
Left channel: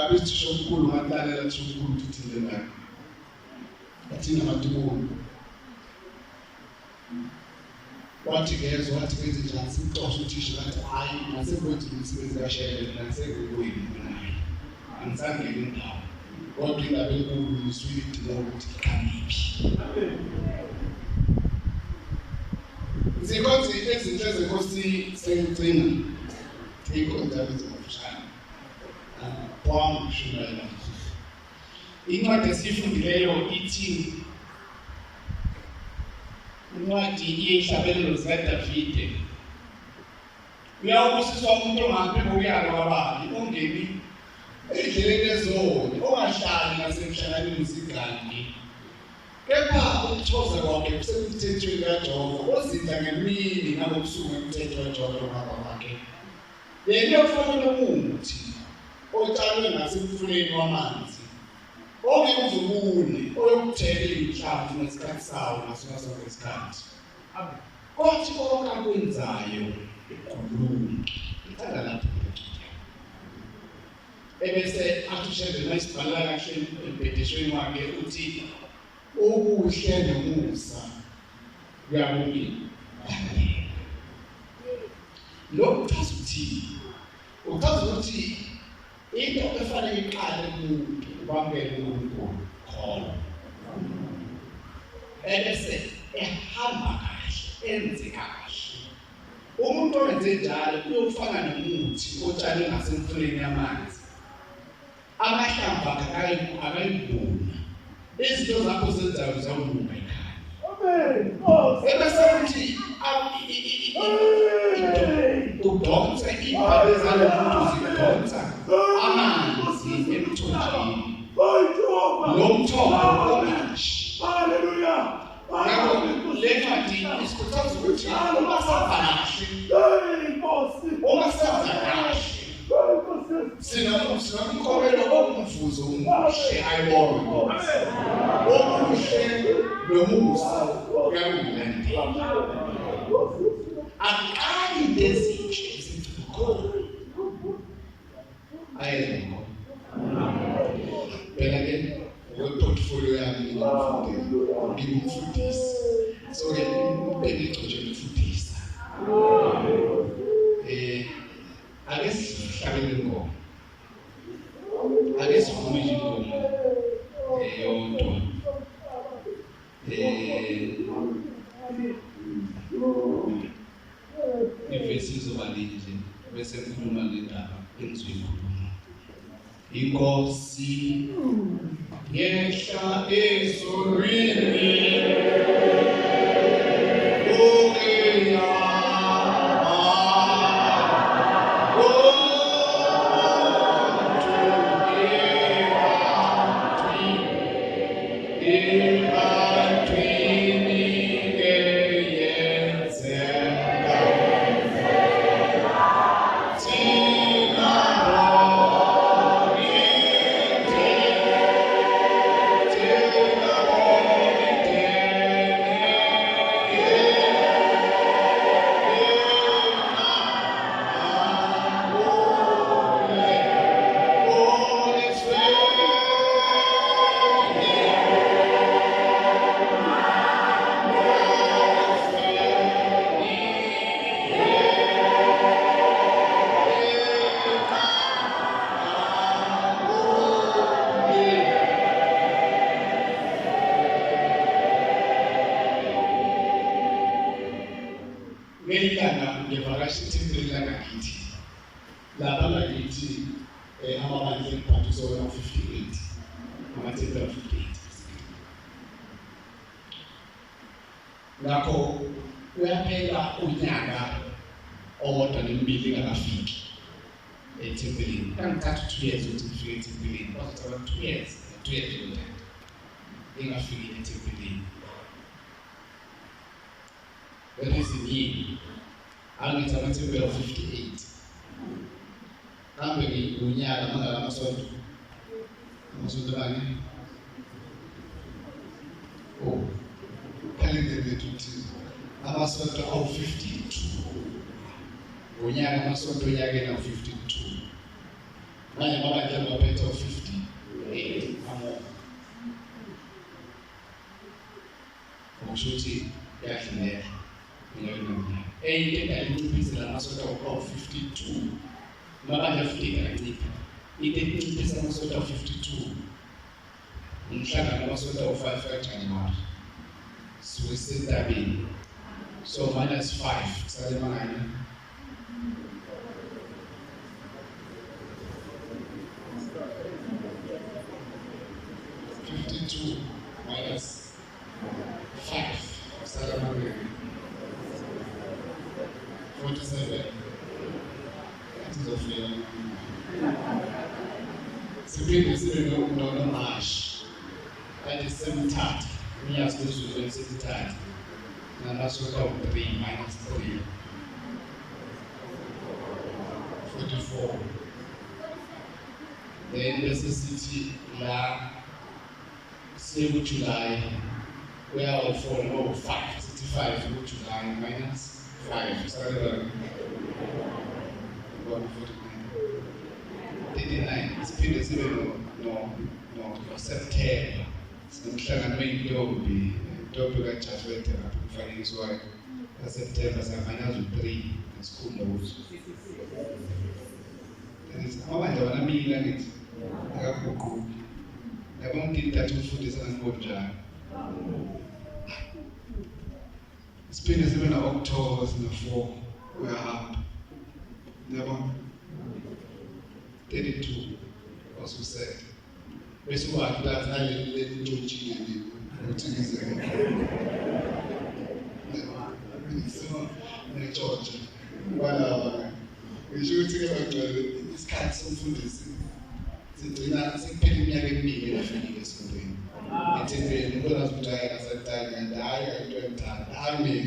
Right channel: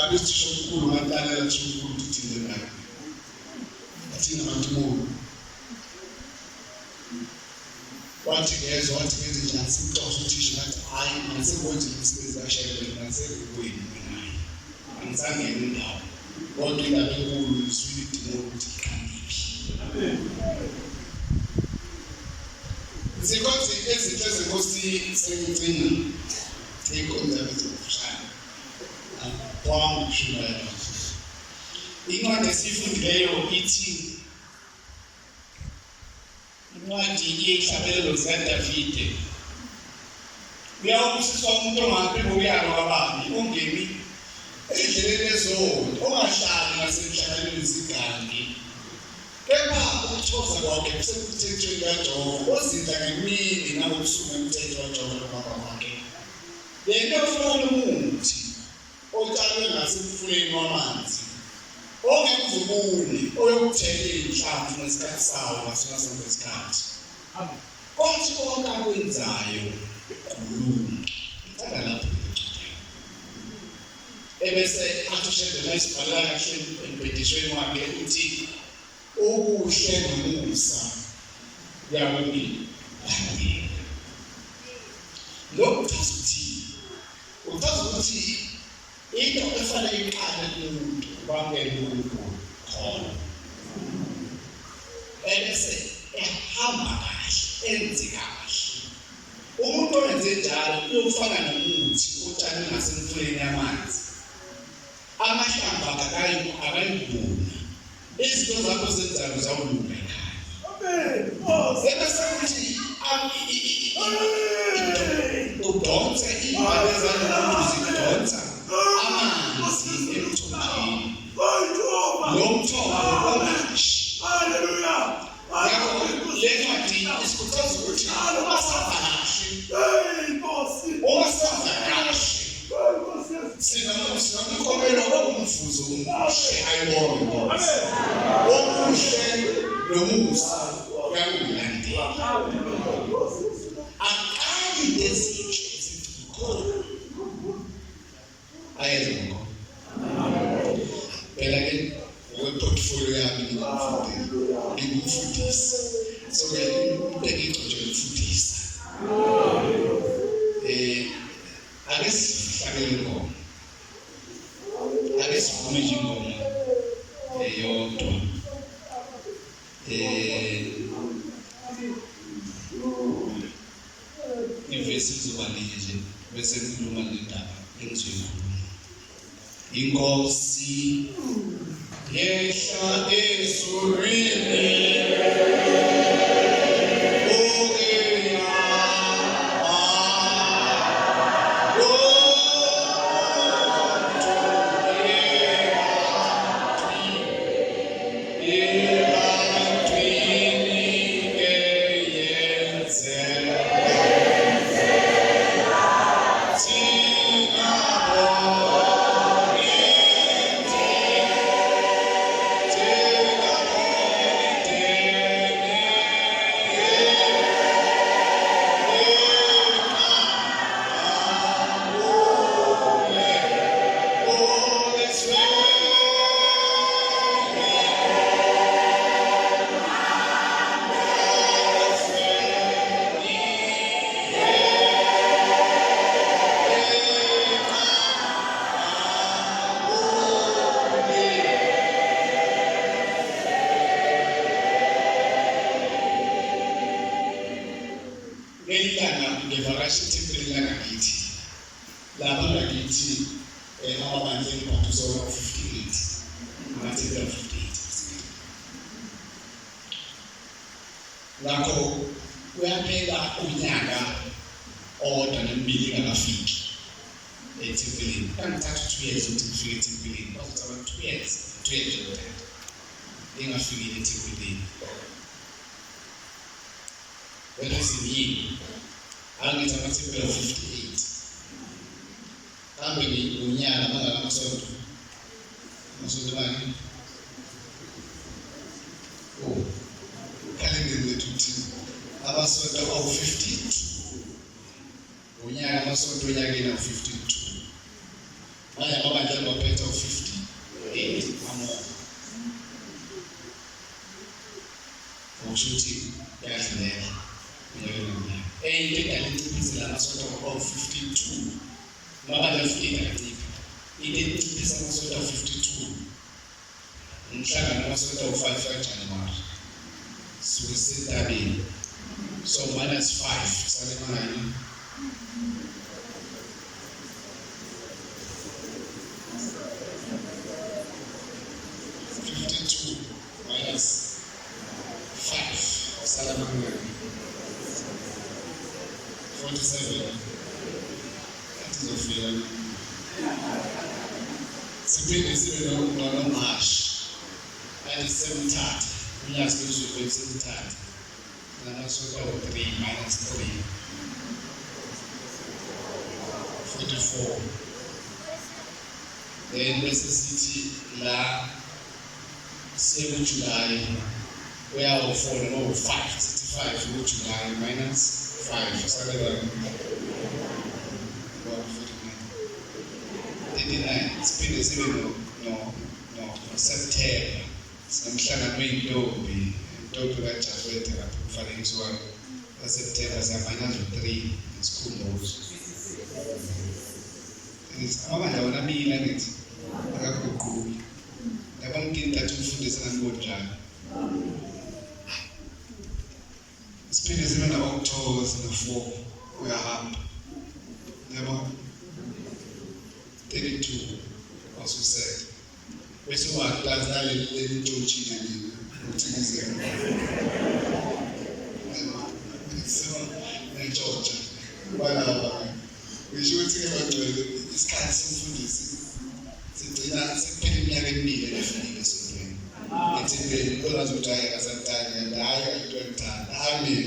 Abisho umkhulu ngalalela nje umkhulu uthinde naye. Athina abantu bonke. Wathi ngezwe wathi ngenze njani simxoxa uthisha ngathi hayi ngasekwenza imisebenzi kaShembe nasekuyikwini naye. Angisangene indawo. Kodwa indaba enkulu iswili idinga ukuthi iqhamuke. Zikhonzi ezinhle zenkosi sengigcina. Ikhonza bezofishana. Kwami shumela. Incwadi esifundileyo ithi incwadi yehlabelelo zikaDavide. Uyawubusiswa umuntu ongaphinde uyalo wabani ongemi endleleni ezodwa ongahlali ngasemhlanganweni zigangi. Kepha ukuthoza kwakhe kusemthethweni kaJehova ozidla ngemini nangobusuku emthetho kaJehova loBaba wakhe. Yena ufuna umuthi otshalwe ngasemfuleni wamanzi ongekuvubuni oyokuthela inhlamvu ngesikhathi sawo ngasona sonke isikhathi. Konke konke akwenzayo ukhuluma ithanda lapho ebese athushe layisibhala kahle empedishweni wakhe uthi ubuhle nomusa kuyabonga. Lokho uchaza ukuthi into efanele iqale kumuntu ubambele uNkulunkulu khona. Ebese ehamba kahle enze kahle. Umuntu owenze njalo uyofana nomuthi otshalwe ngasemfuleni yamanzi. Amahlamvu akayibona. Izinto zakho zenzayo zawulunga ekhaya. Amen. Ebese kuthi udonse impande zalomuntu zidonsa amanzi emthonjeni. Lo mthombo ongashi. Haleluya. Le ncwadi isikhuthaza ukuthi uma senza kahle. Uma senza kahle. Sinamkhomelo omvuzo umuhle ayibona. Okuhle nomusa kuyakulandela. Akali lezinhle ezithukho. Ayezwa. Phela ke portfolio yami ngimfundisa. So ke ngicela ukufundisa. Ake sihlabele ngoma. Ake sivume nje ingoma eyodwa. Ivesi izoba nje bese ngikhuluma ngendaba engizoyikhuluma. Inkosi yehla ezulwini. Take ngelilanga ngevakasha ethempelini langakithi lapha ngakithi amabandla engiphathiswa 58 amathempeli 58 ngakho uyaphela unyaka owodwa nemibili engakafiki ethempelini kangithatha 2 years ukuthi ngifike ethempelini kwazothatha 2 years nje engafiki ethempelini wena siyini angithi amathempeli 58 kambe ngonyaka mangaka amasonto bani kalendeni lethu thina amasonto 52 ngonyaka amasonto onyakeni 52 manje amabandla ngophethe 58 amo ukuthi yadluleka ngiyabona into engalinciphisa amasonto 52 mabandla 58 akanciphi into enciphisa amasonto 52 umhlangano amasonto 5 January susentabeni so -5 sale mangani -5 sale mangani 47 atizofika siphinde sibe no-March ayisebuthathu unyaka siphezulu kwesebuthathu namasonto 3 -3 44 then bese sithi la siye kuJuly uyawo-4 no 5 65 kuJuly -5 sakela 39 siphinde sibe no September sinomhlangano weyintombi kaJafete lapho kufanekiswayo kaSeptember -3 nesikhumbuzo amabandla wona mina ngithi akaguquki yabona ngintathu umfundisi angonjani siphinde sibe na-October sina-4 uyahamba yabona 32 wasusele bese waklazi naleli ntshotshina nini ukuthi ngizeke netshotsha balaba ngisho ukuthi ke bagcwele isikhathi somfundisi sigcina sekuphela iminyaka emibili eyafikile esontweni ethempelini ukwazi ukuthi hayi akasadala hayi into emthanda amen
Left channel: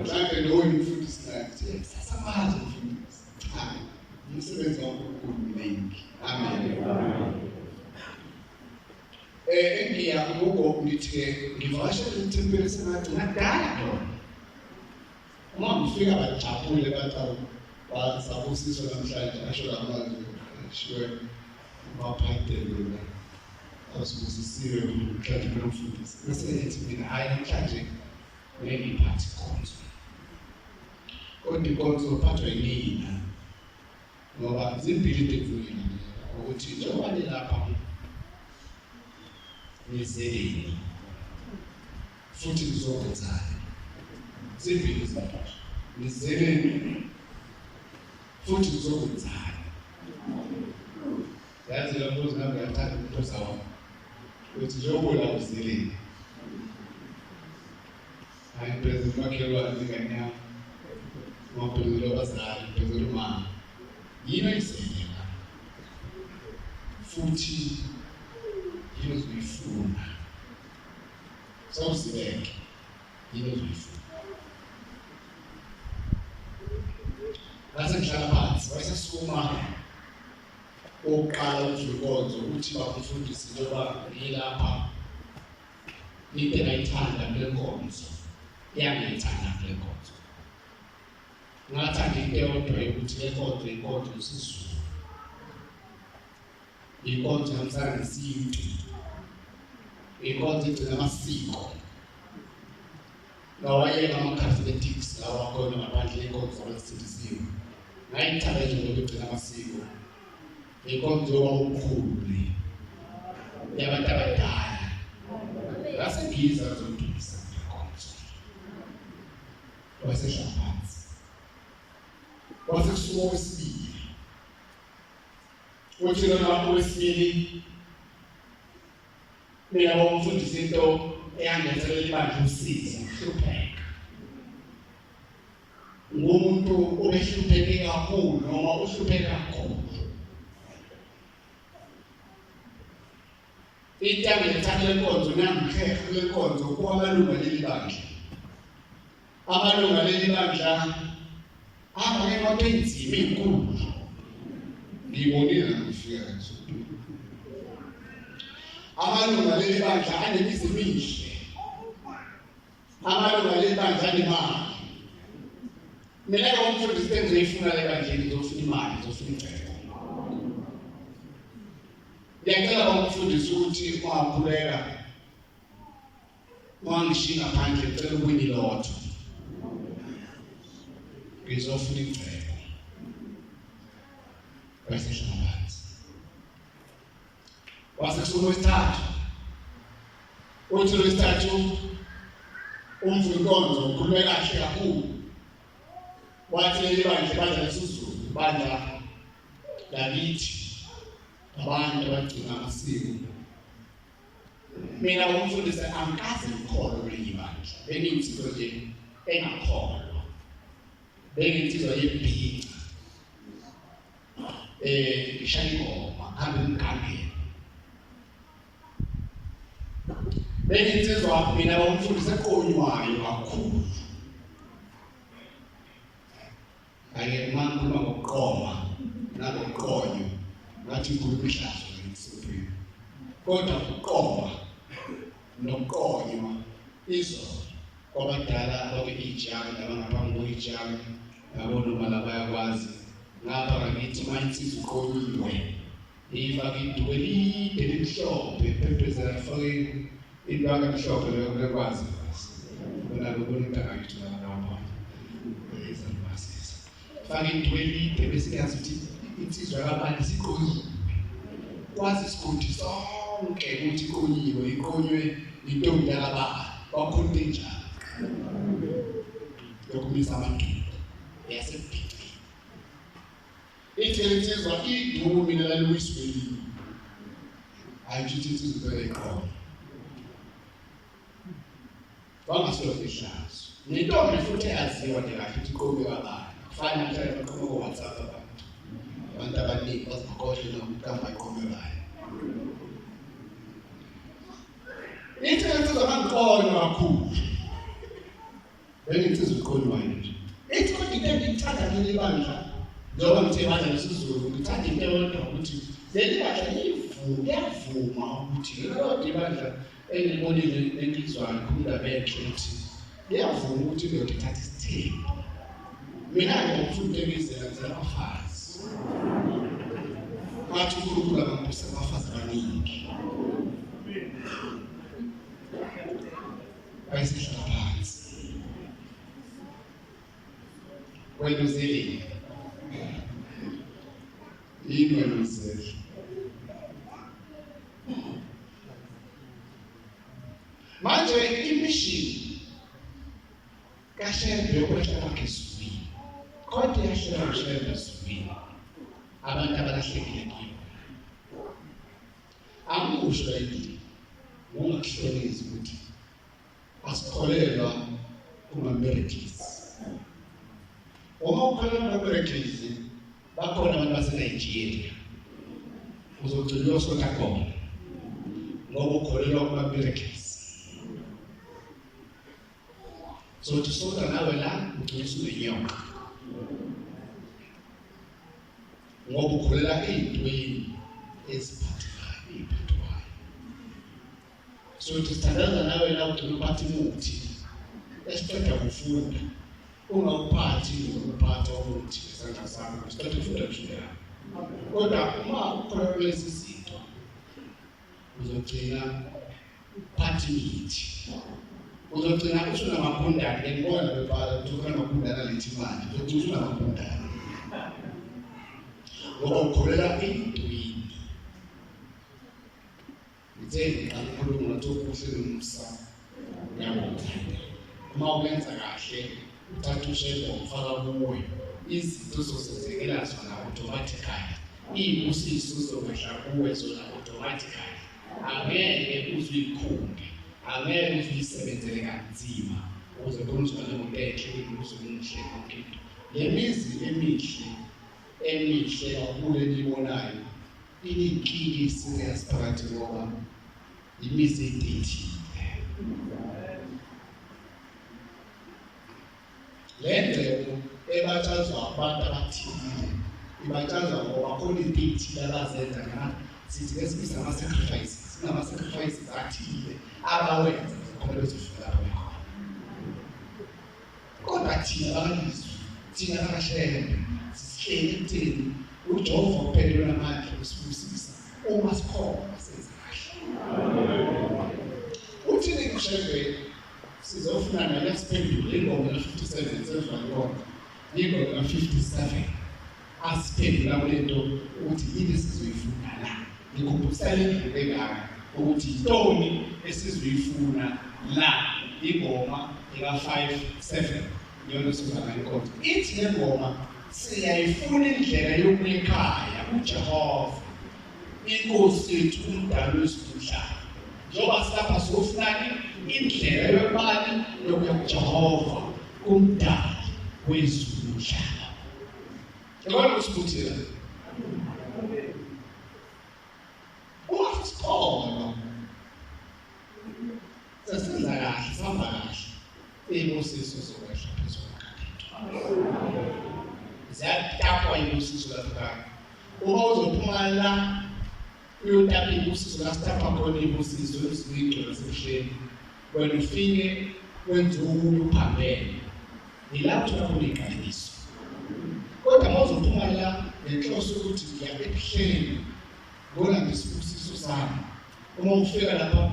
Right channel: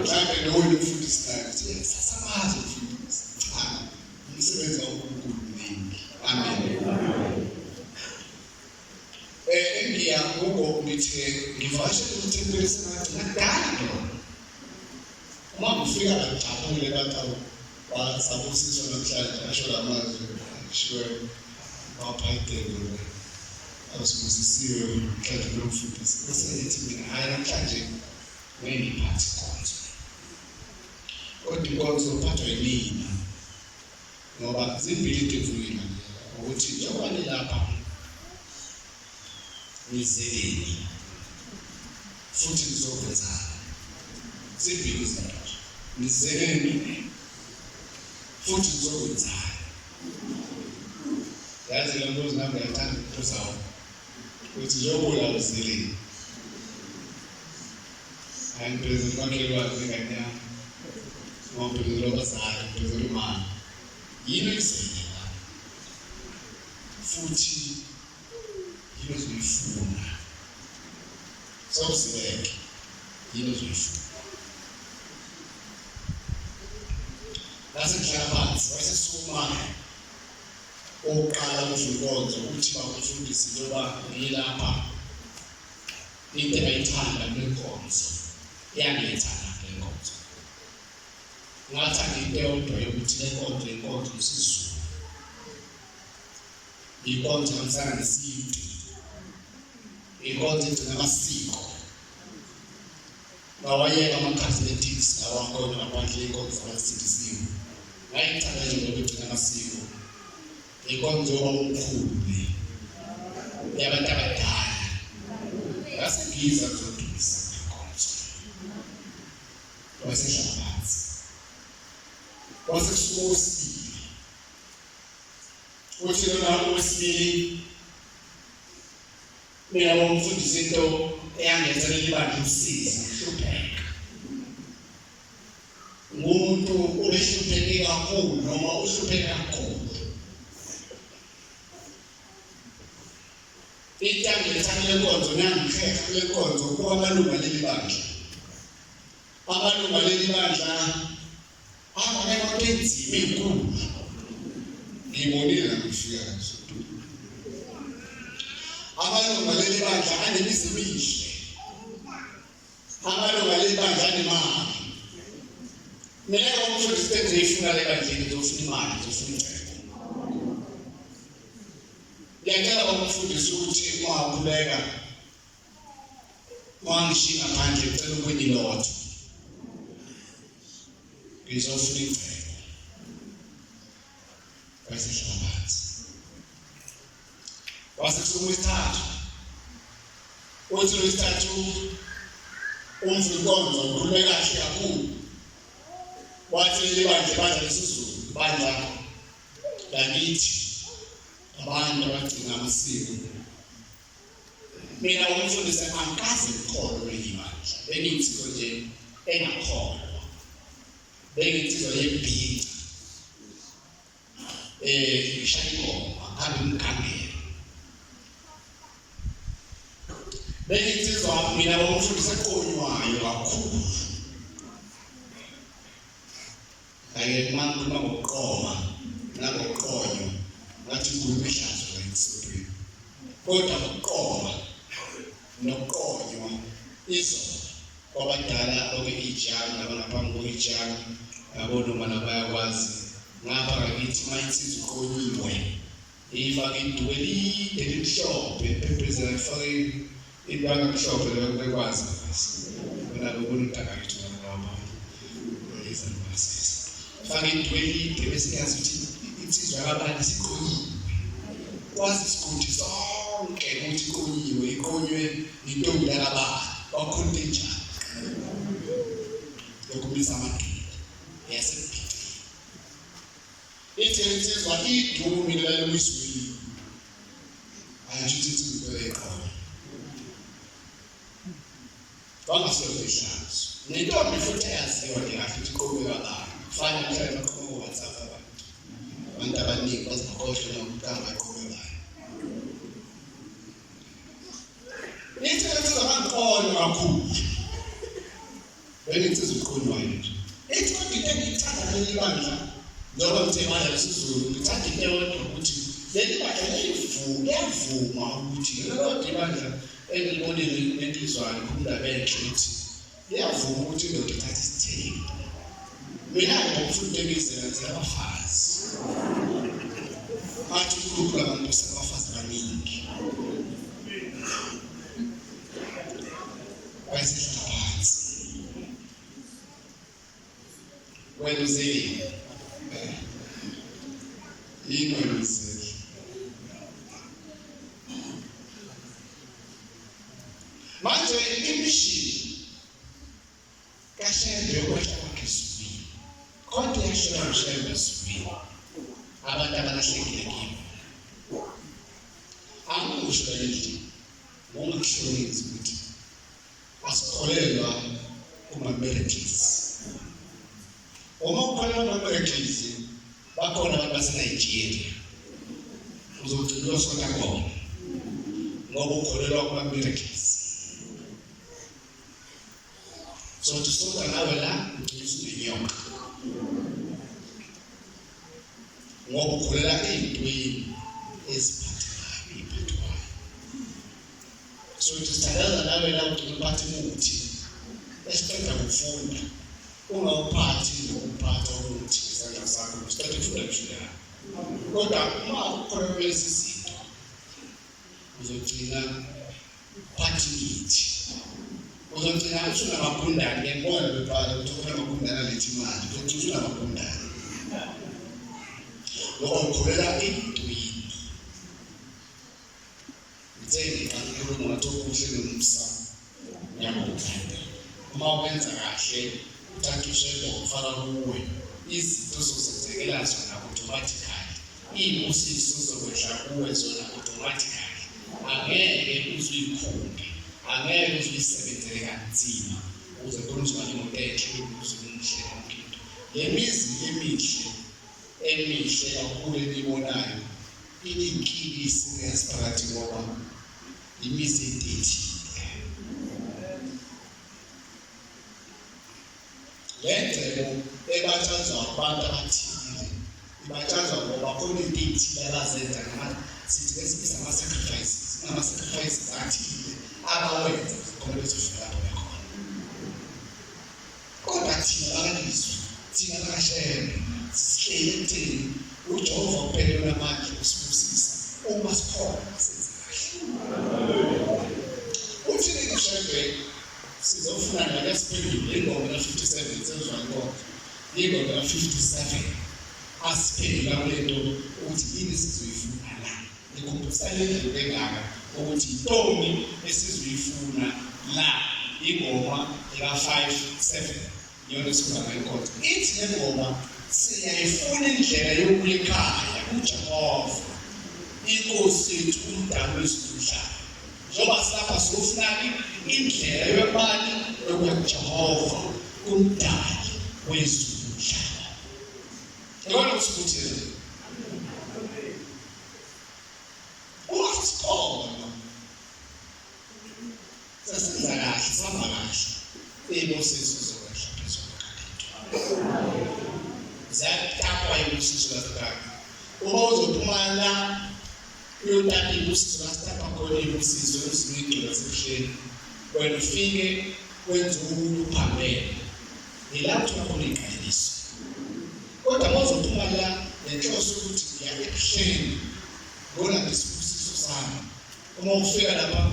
mhlawumbe nowena umfundisi naye sasamazi umfundisi cha umsebenzi kaNkulunkulu mningi amen engiyakuko ngithi ngivakashele ethempelini sengathi ngadala uma ngifika bajabule bathawu basabusiswa namhlanje asho lamazwi shiwe baphayitele asibusisiwe mhlawumbe nomfundisi bese ethi mina hayi namhlanje ngiyiphathi konzo kodwa inkonzo uphathwa yinina ngoba zimbili tekufika ukuthi njengoba nilapha nizeleni futhi nizokwenzani zimbili izinto nizeleni futhi nizokwenzani yazi lo mbuzo nami uyathanda ukubuza wona ukuthi njengoba uzeleni hayi mphezulu makhelwane ingane yami mphezulu abazali mphezulu mama yini oyiselela futhi yini ozoyifuna sawuzibeke yini ozoyifuna lasehlala phansi wayesesukuma oqala uJukonzo uthi bakufundisa njengoba ngilapha into ayithanda kule nkonzo iyangithanda kule nkonzo ngathanda into eyodwa ukuthi le nkonzo inkonzo yesizulu inkonzo yamsana nesintu inkonzo igcina amasiko ngawayeka ama-cosmetics lawakhona ngaphandle yenkonzo abasindisiwe ngayithanda nje ngoba igcina amasiko inkonzo omkhulu yabantu abadala ngasengiza kuzodumisa inkonzo wasehlala phansi. Kwase kusuka okwesibili. Uthi lona okwesibili mina ngomfundisi into eyangezelela ibandla usizi uhlupheka. Ngumuntu obehlupheke kakhulu noma uhlupheka kakhulu. Ithangile lenkonzo ngiyangiheha kule nkonzo kuba amalunga leli bandla. Amalunga leli bandla abangekho enzima inkulu. Ngibonile ngifika kanjalo. Amalunga leli bandla anemizi emihle. Amalunga leli bandla anemali. Mina ngomfundisi engizifuna le bandleni ngizofuna imali, ngizofuna ingcebo. Ngiyacela umfundisi ukuthi ungakhuleka. Wangishiya ngaphandle ngicela ukuyilotha. Ngizofuna ingcebo. Wasehlala phansi. Wasekusuka wesithathu. Uthi wesithathu umfundisi konzo ukhuleka kahle kakhulu. Wathi leli bandla lesizulu bandla lakithi abantu abagcina amasiko. Mina umfundisi angikaze ngikholwe kuleli bandla. Bengiyinsizwa nje engakholwa. Bengiyinsizwa yebhinca. Ngishaya ingoma ngabe umkhangelo. Bengiyinsizwa mina umfundisi ekonywayo kakhulu. Ake mangikhuluma ngokuqoma nangokuqonyo ngathi inkulumo ehlazo layisophini. Kodwa ukuqoma nokuqonywa izolo kwabadala abakwi-Ijali nabangaphambi kwe-Ijali nabonoma nabayakwazi ngapha ngakithi mayinsizwa uqonyiwe ifake iduku elide elimhlophe ephezela ifake indwangu emhlophe lekwazi bona bekuyintaka yethu ngalawa fake iduku elide bese kuyazi ukuthi insizwa kabani siqonyiwe. Kwazi isigodi sonke ukuthi iqonyiwe, iqonywe intombi yakabani wakhona enjani. Yokumisa amaduku yasebhitini. Ithi insizwa iduku mina lalimwisweli. Ayisho ukuthi insizwa eqonyo. Wangasoke ihlazo. Nentombi futhi eyaziwa nje kahle ukuthi iqonywe kabani. Kufana mhlawumbe baqhoma WhatsApp abantu abaningi bazikhohlwe nokuqamba iqhubekayo. Ithi insizwa bangiqonya kakhulu. Benginsizwa uqonywayo nje. Ithi kodwa into engiyithanda leli bandla njengoba ngithe bandla lesizulu ngithanda into eyodwa ukuthi leli bandla liyavuma ukuthi lelo bandla engilibonile nenhlizwane khumula benhle ukuthi liyavuma ukuthi indoda ithathe isithembu. Mina ngomfundi engizenzela abafazi. Bathi uNkulunkulu angambusa abafazi abaningi. Wayesehlala phansi. Wena uzeli. Yini wena uzeli? Manje imishini kaShembe yokwehla kwakhe esifini. Kodwa yashela uShembe esifini. Abantu abalahlekile kimi. Angikusho yini? Ungakuhlonzi ukuthi asikholelwa kuma-miracles. Uma ukholelwa kuma-miracles, bakhona abantu baseNigeria. Uzogcina uyosona khona. Ngoba ukholelwa kuma-miracles. So tusonda nawe la ugcina inyoka. Ngoba ukholela ezintweni eziphathwayo. So tusithandaza nawe la ugcina uphatha umuthi esiqeda kufunda ungawuphathi ukuphatha umuthi ngesandla sakho usiqeda kufunda njalo. Kodwa uma ukholela lezi zinto uzogcina uphatha imithi. Uzogcina usunamagundane ngibona bebhala ukuthi ukhona amagundane alethi imali. Uzogcina usunamagundane. Ngoba ukholela ezintweni. Ngitheni kakhulu ngokuthi ukuhle nomsa. Yabo. Uma ubenza kahle uthatha ushebe ufaka kuwe izinto zozenzekela zona automatically ibusiso zokwehla kuwe zona automatically angeke uzikhunge angeke uzisebenzele kanzima ukuze konke uzoba enhle uzokuhle konke le mizi emihle kakhulu enibonayo ininkingi serious phakathi ngoba imizi edithile lento ebatshazwa abantu abathile ibatshazwa ngoba khona into ethile abazenza ngathi sithi ngesikhathi ama-sacrifices athile abawenza khona bezofika lapho bekhona kodwa thina bakalizwi thina bakashebe sisihleli ekutheni uJehova kuphela onamandla ukusibusisa uma sikhona senza kahle uthini kushebe sizofuna naye siphendule ingoma ka-57 sezwa inkonzo ingoma ka-57 asiphendula kulento ukuthi yini sizoyifuna la ngikhumbusane indlela engaka ukuthi intoni esizoyifuna la ingoma ka-57 yona sifuna inkonzo ithi le ngoma siyayifuna indlela yokuya ekhaya uJehova inkosi yethu umdali wezimhlaba njengoba silapha sofunani indlela yobani yokuya kuJehova umdali wezimhlaba yabona usikuthela usikhona sesenza kahle sihamba kahle ibosiso zokwehla phezulu kakhulu zatapwa ibosiso lakhaya uma uzophuma la uyotapha ibosiso lasitapha khona ibosiso lesinikelo sebuhleni wena ufike wenza uphambene yilapho khona iqiniso kodwa mawuzophuma la nenhloso ukuthi ngiya ebuhleni ngona ngisibusiso sami uma ufika lapha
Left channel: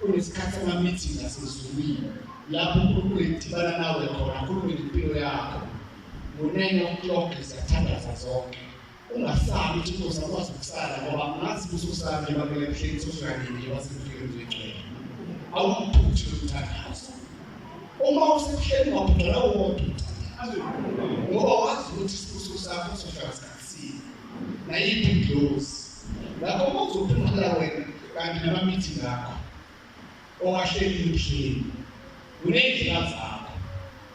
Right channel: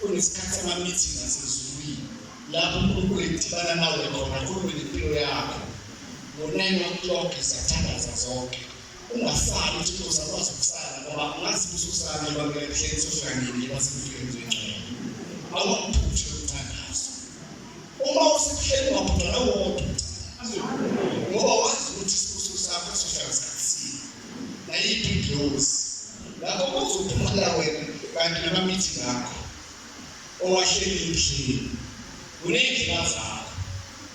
kunesikhathi sama-meeting asezulwini lapho uNkulunkulu edibana nawe khona ukhulume ngempilo yakho ngo-9 o'clock siyathandaza zonke ungasali ukuthi uzakwazi ukusala ngoba ngasibuso sami ebamela ebuhleni sofika nini basemfikeni zengcwele awuphuthe ukuthandaza uma usebuhleni waphutha lawo wodwa ngoba wazi ukuthi isibuso sakho sofika sikhathini nayiphi ingilosi lapho uzophumula wena kanti nama-meeting akho owahleli ebuhleni uney'ndlela zakho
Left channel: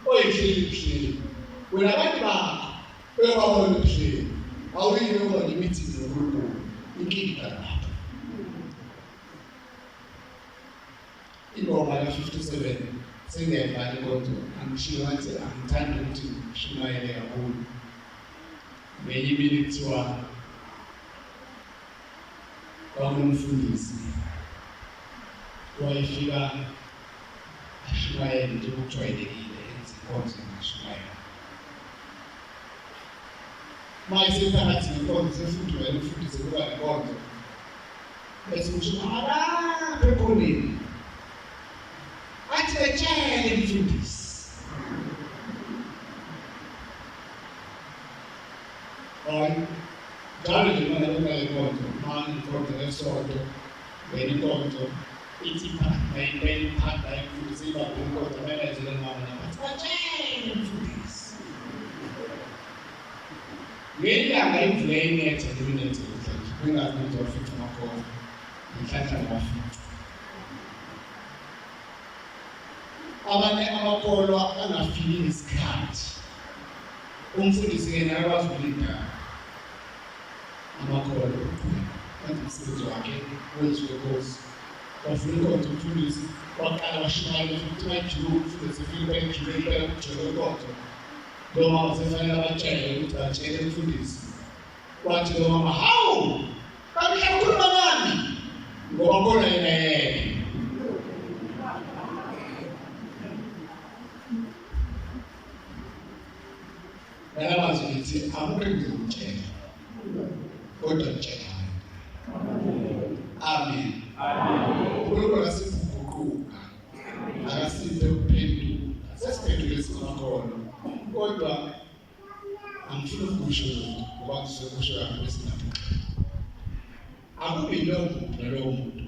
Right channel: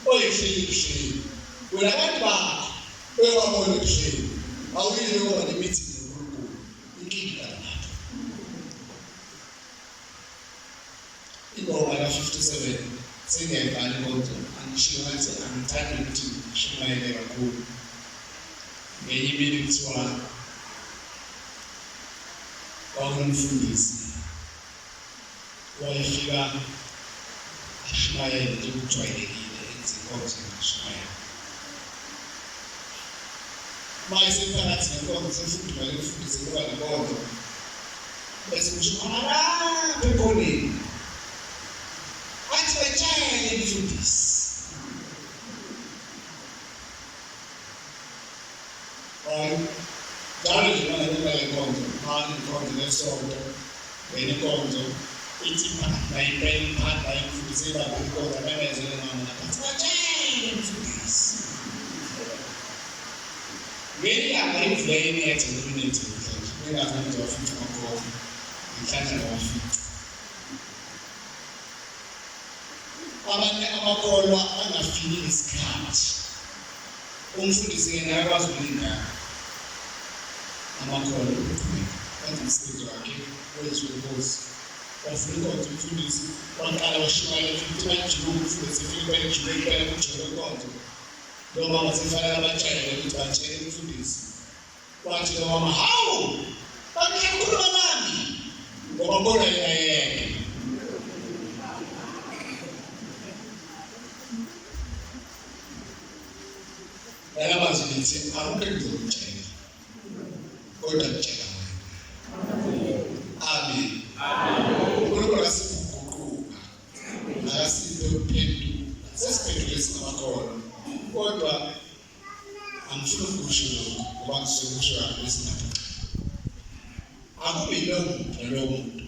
oyihleli ebuhleni wena abantu bakho ebabona ebuhleni awuyile ngoba ne-meeting noNkulunkulu inkinga lapho ingoma ka-57 sengiyayibhala inkonzo angishiyo ngathi angithandi ukuthi ngishumayele kakhulu ngenye imini kuthiwa kwakunomfundisi wayefika ashumayele njengokujwayelekile enza inkonzo engashumayela mayesephakathi nenkonzo sefundumele ukufundise kuba nenkonzo bese kushumayela lapha ekhoneni athi betshele umfundisi njalo nje mana kuba inkonzo mani inkonzo nesonto wena inkonzo ithi phanda imfundisi lapho inkonzo amemezele mama nathi betshele umfundisi ngelanga imvula inethe neminethe namhlanje kungazi ukuthi wafica amakhono inhlanhla wafica abanye amakholwa angafiki isikhathi umfundisi yena akwazi ukulingana amakholwa ukuqhubeka kanti umsebenzi wakhe wenziwe inkosi wafuna inkonzo umfundisi waqala washumayela futhi bajike umfundisi efike bejike impela kujike inkonzo lo mama sefanele abatshele ukuthi batshele umfundisi wathi lo mama hawu kanti uyakhuluma nami ngoba khona yena yedwa yalabazi lithi akukho engizokutshela kodwa ngitshela wena amen uNkulunkulu asiguquka akasiphe ukuphendula sesiphendule singamakhono kodwa angifuni ukusho ngoba ngizokusho ngesinapho akubi lo muntu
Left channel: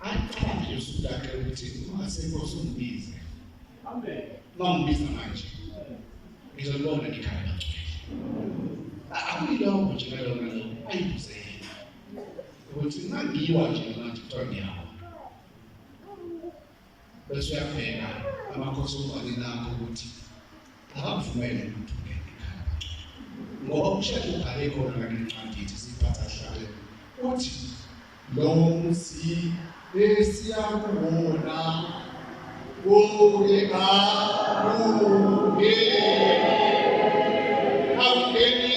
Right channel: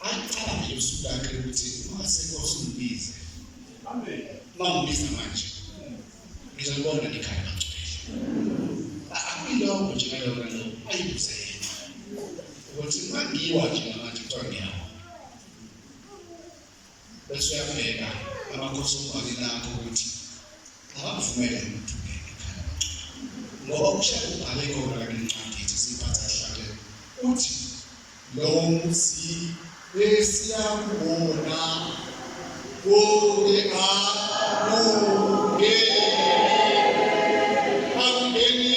aqala nje usuku lakhe ukuthi ungasekho usumbize Mangibiza manje ngizobona ikhaya bagcwele. Akuyilokho nje ngalokho ayibuze yena ukuthi mangiwa nje manje kuthiwa ngiyawa bese uyabheka amakhosi omkhulu nakho ukuthi akavumele umuntu ekhaya ngoba ushaka ubhale khona la ngencwadi ethi siphatha hlale uthi lo muzi esiyakubona Oge aluge angeni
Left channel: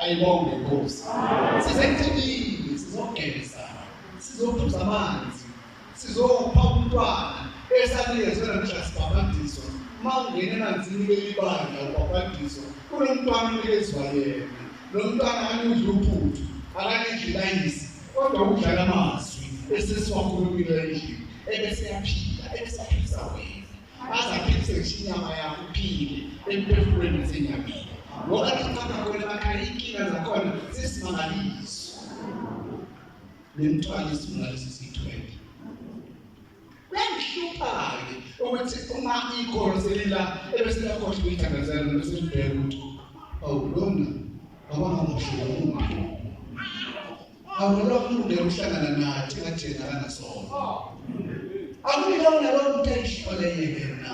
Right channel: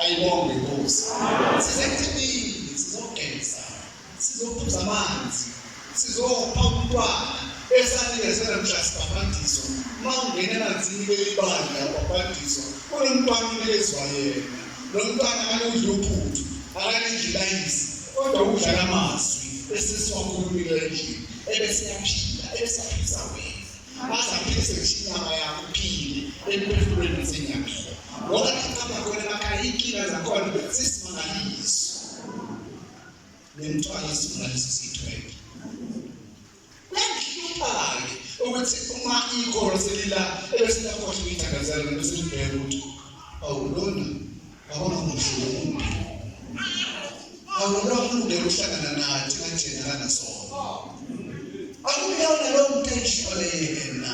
ayibonge Nkosi sizethini sizogeza sizophuza amanzi sizopha umntwana esanikezwe namhlanje mawungena emanzini belibandla babhadiso kunomntwana unikezwa yena lo mntwana akanudla uphuthu akanidla iyisi kodwa udla amazwi esesiwakhulumile endlini ebese yaphila ebese yaphisa wena azaphilise inyama yakho iphile emphefumulweni nasenyameni ngoba ikhamba khona emakhaya inkinga zakhona sesimangaliso nemntwana isimangaliso sithwele kuyangihlupha-ke ukuthi uma ikholo selila ebesilakhohle ukuyithandazela beselibheka ukuthi awulona abangamuhle umuntu awulona uhlangana nathi ngathena kanasona akulona lo muntu ayishole yena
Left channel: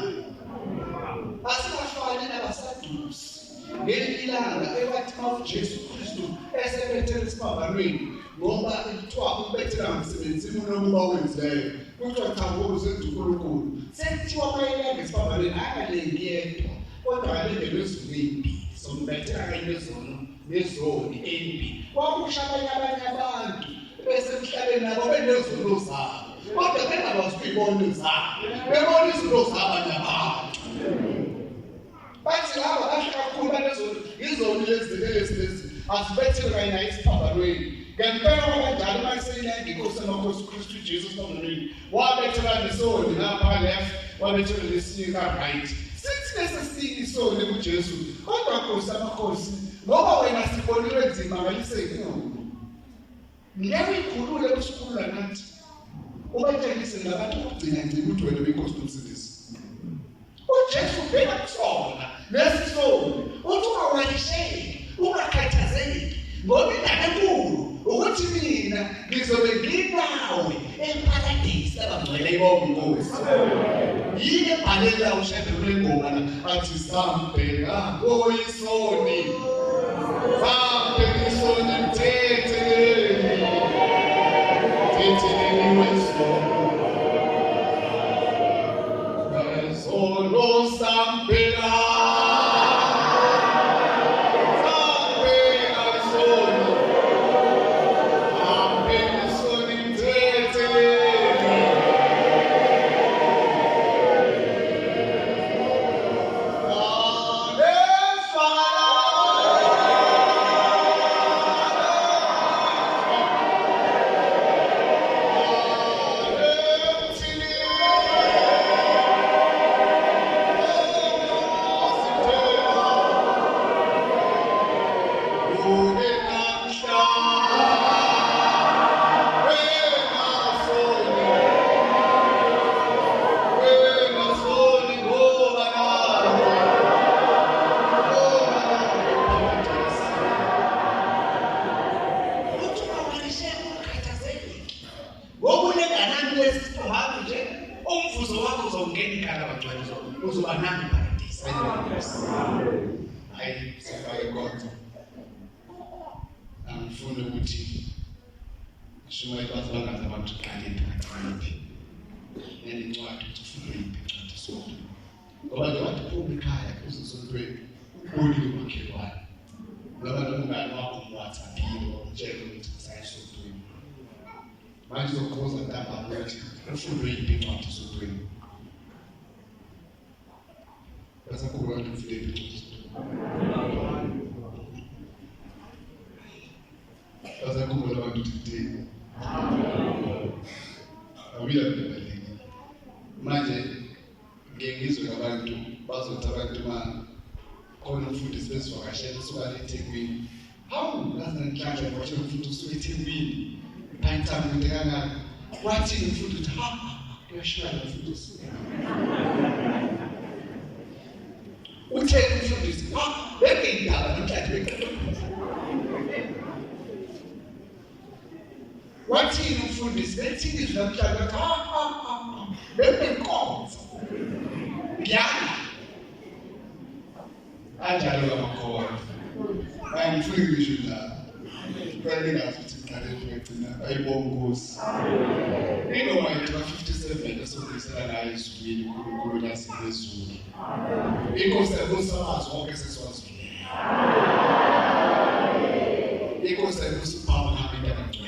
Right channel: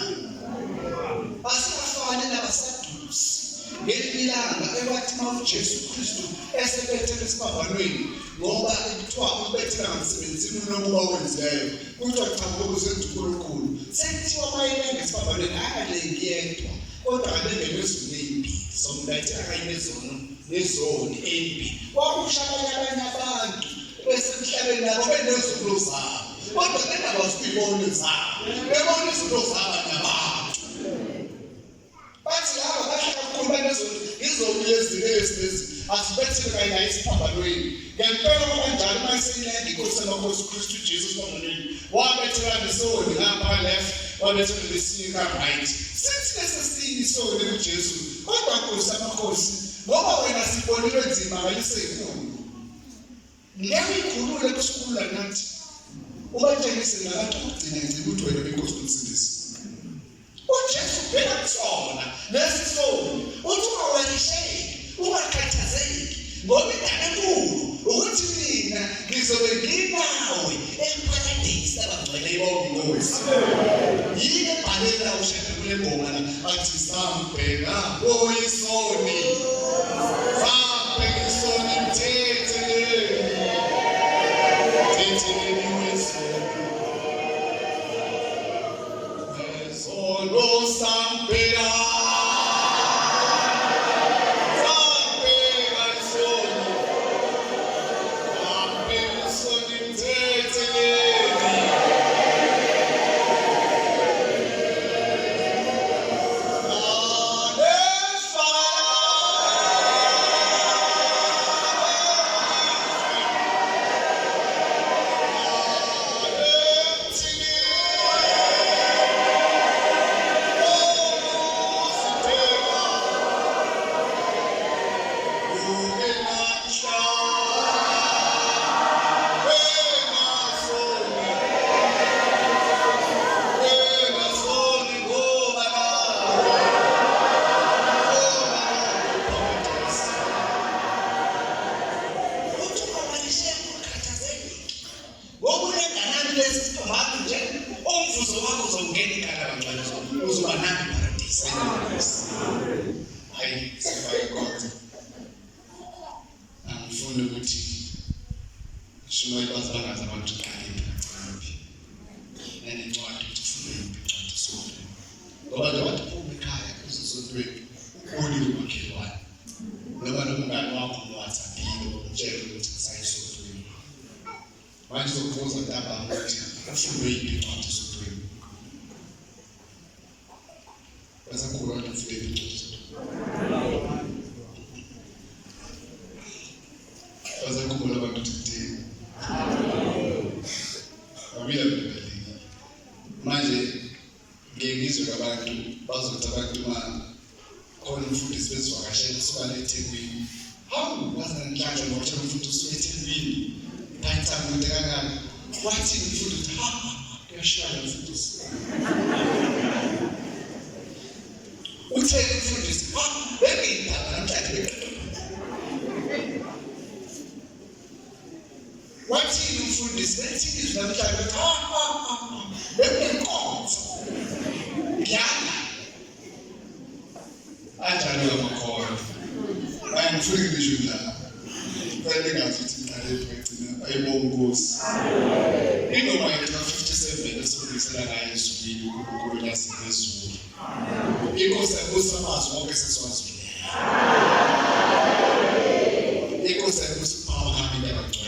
asifane nabasadusi ngelilanga ekwathi uJesu Kristu esebethele isiphambanweni ngoba ekuthiwa ubethela ngemsebenzini nokuba wenzileyo kuthiwa cha ngokuze uNkulunkulu sekuthiwa mayelanga ngesiphambanweni akalengi yedwa kodwa abengelwe ezimbi sombethela kanye nezoni embi kwakusha abanye abantu bese emhlabeni nabo benezono zabo kodwa bengakwazi ukubona zabo bebona izinto zabanye abantu bathi laba basha kakhulu banezoni izoni lezi asibethele kanye isiphambanweni ngempela kanjalo mayiseyilenga inkosi yamakhosi uKristu Jesu esiphambanweni wabethela nesoni ngapha left wabethela lesika right sithi lesesini isoni kuJesu kodwa inkosi yamakhosi ngoba wena sibonile nzima ngalisekhulu ngeke ikhulule kusikhulula nathi ubatshengise nabantu ukugcina inzima ukuthi wena benkosi umsindisi uJesu bheka kusona lesi soni uthi ungawalisheki ungakhathazeki ngoba indaba enkulu ukuthi mina ngizobe nginawe emparadise abangcwele ibonke inkosi yini ebhalela ushebe kule ngoma la athi sambheka oyisoni sambheka isoni mthethe shuma ikwazi bangazi abantu kanye ngacaphi nencwadi ufuna incwadi sonke ngoba nje wathi phuma ekhaya kuzosontweni uli umakhelwane ngoba nomngane wakho WhatsApp-ile umtshela ukuthi sayisontweni manje uzokubuza ntambama ukuthi ufuna yiphi incwadi sontweni bese kuba ufike incwadi bese kuba abantu today manje ngengizwe abantu bazothi abantu khona umfundisi bezivakashela usuka eThekwini hawu bazanhlanhla ngokuthi umfundisi usuka eThekwini phayithamu into kangaka wathi umfundisi kuyashaya umfundisi uthe umfundisi bengindaba namhlanje wathi umfundisi lethi izwi namhlanje benenkonzo yana anjalo amakhono ayangifuni ngisho la kwele ngathi uqale ukugcina ayibonga Nkosi inoma yethu 57 esokubisela ngayo isukini uNkulunkulu lasephezulu inkosi yakusamazi wonke seswazile inkosi yakusiphawu nami ndabagcwele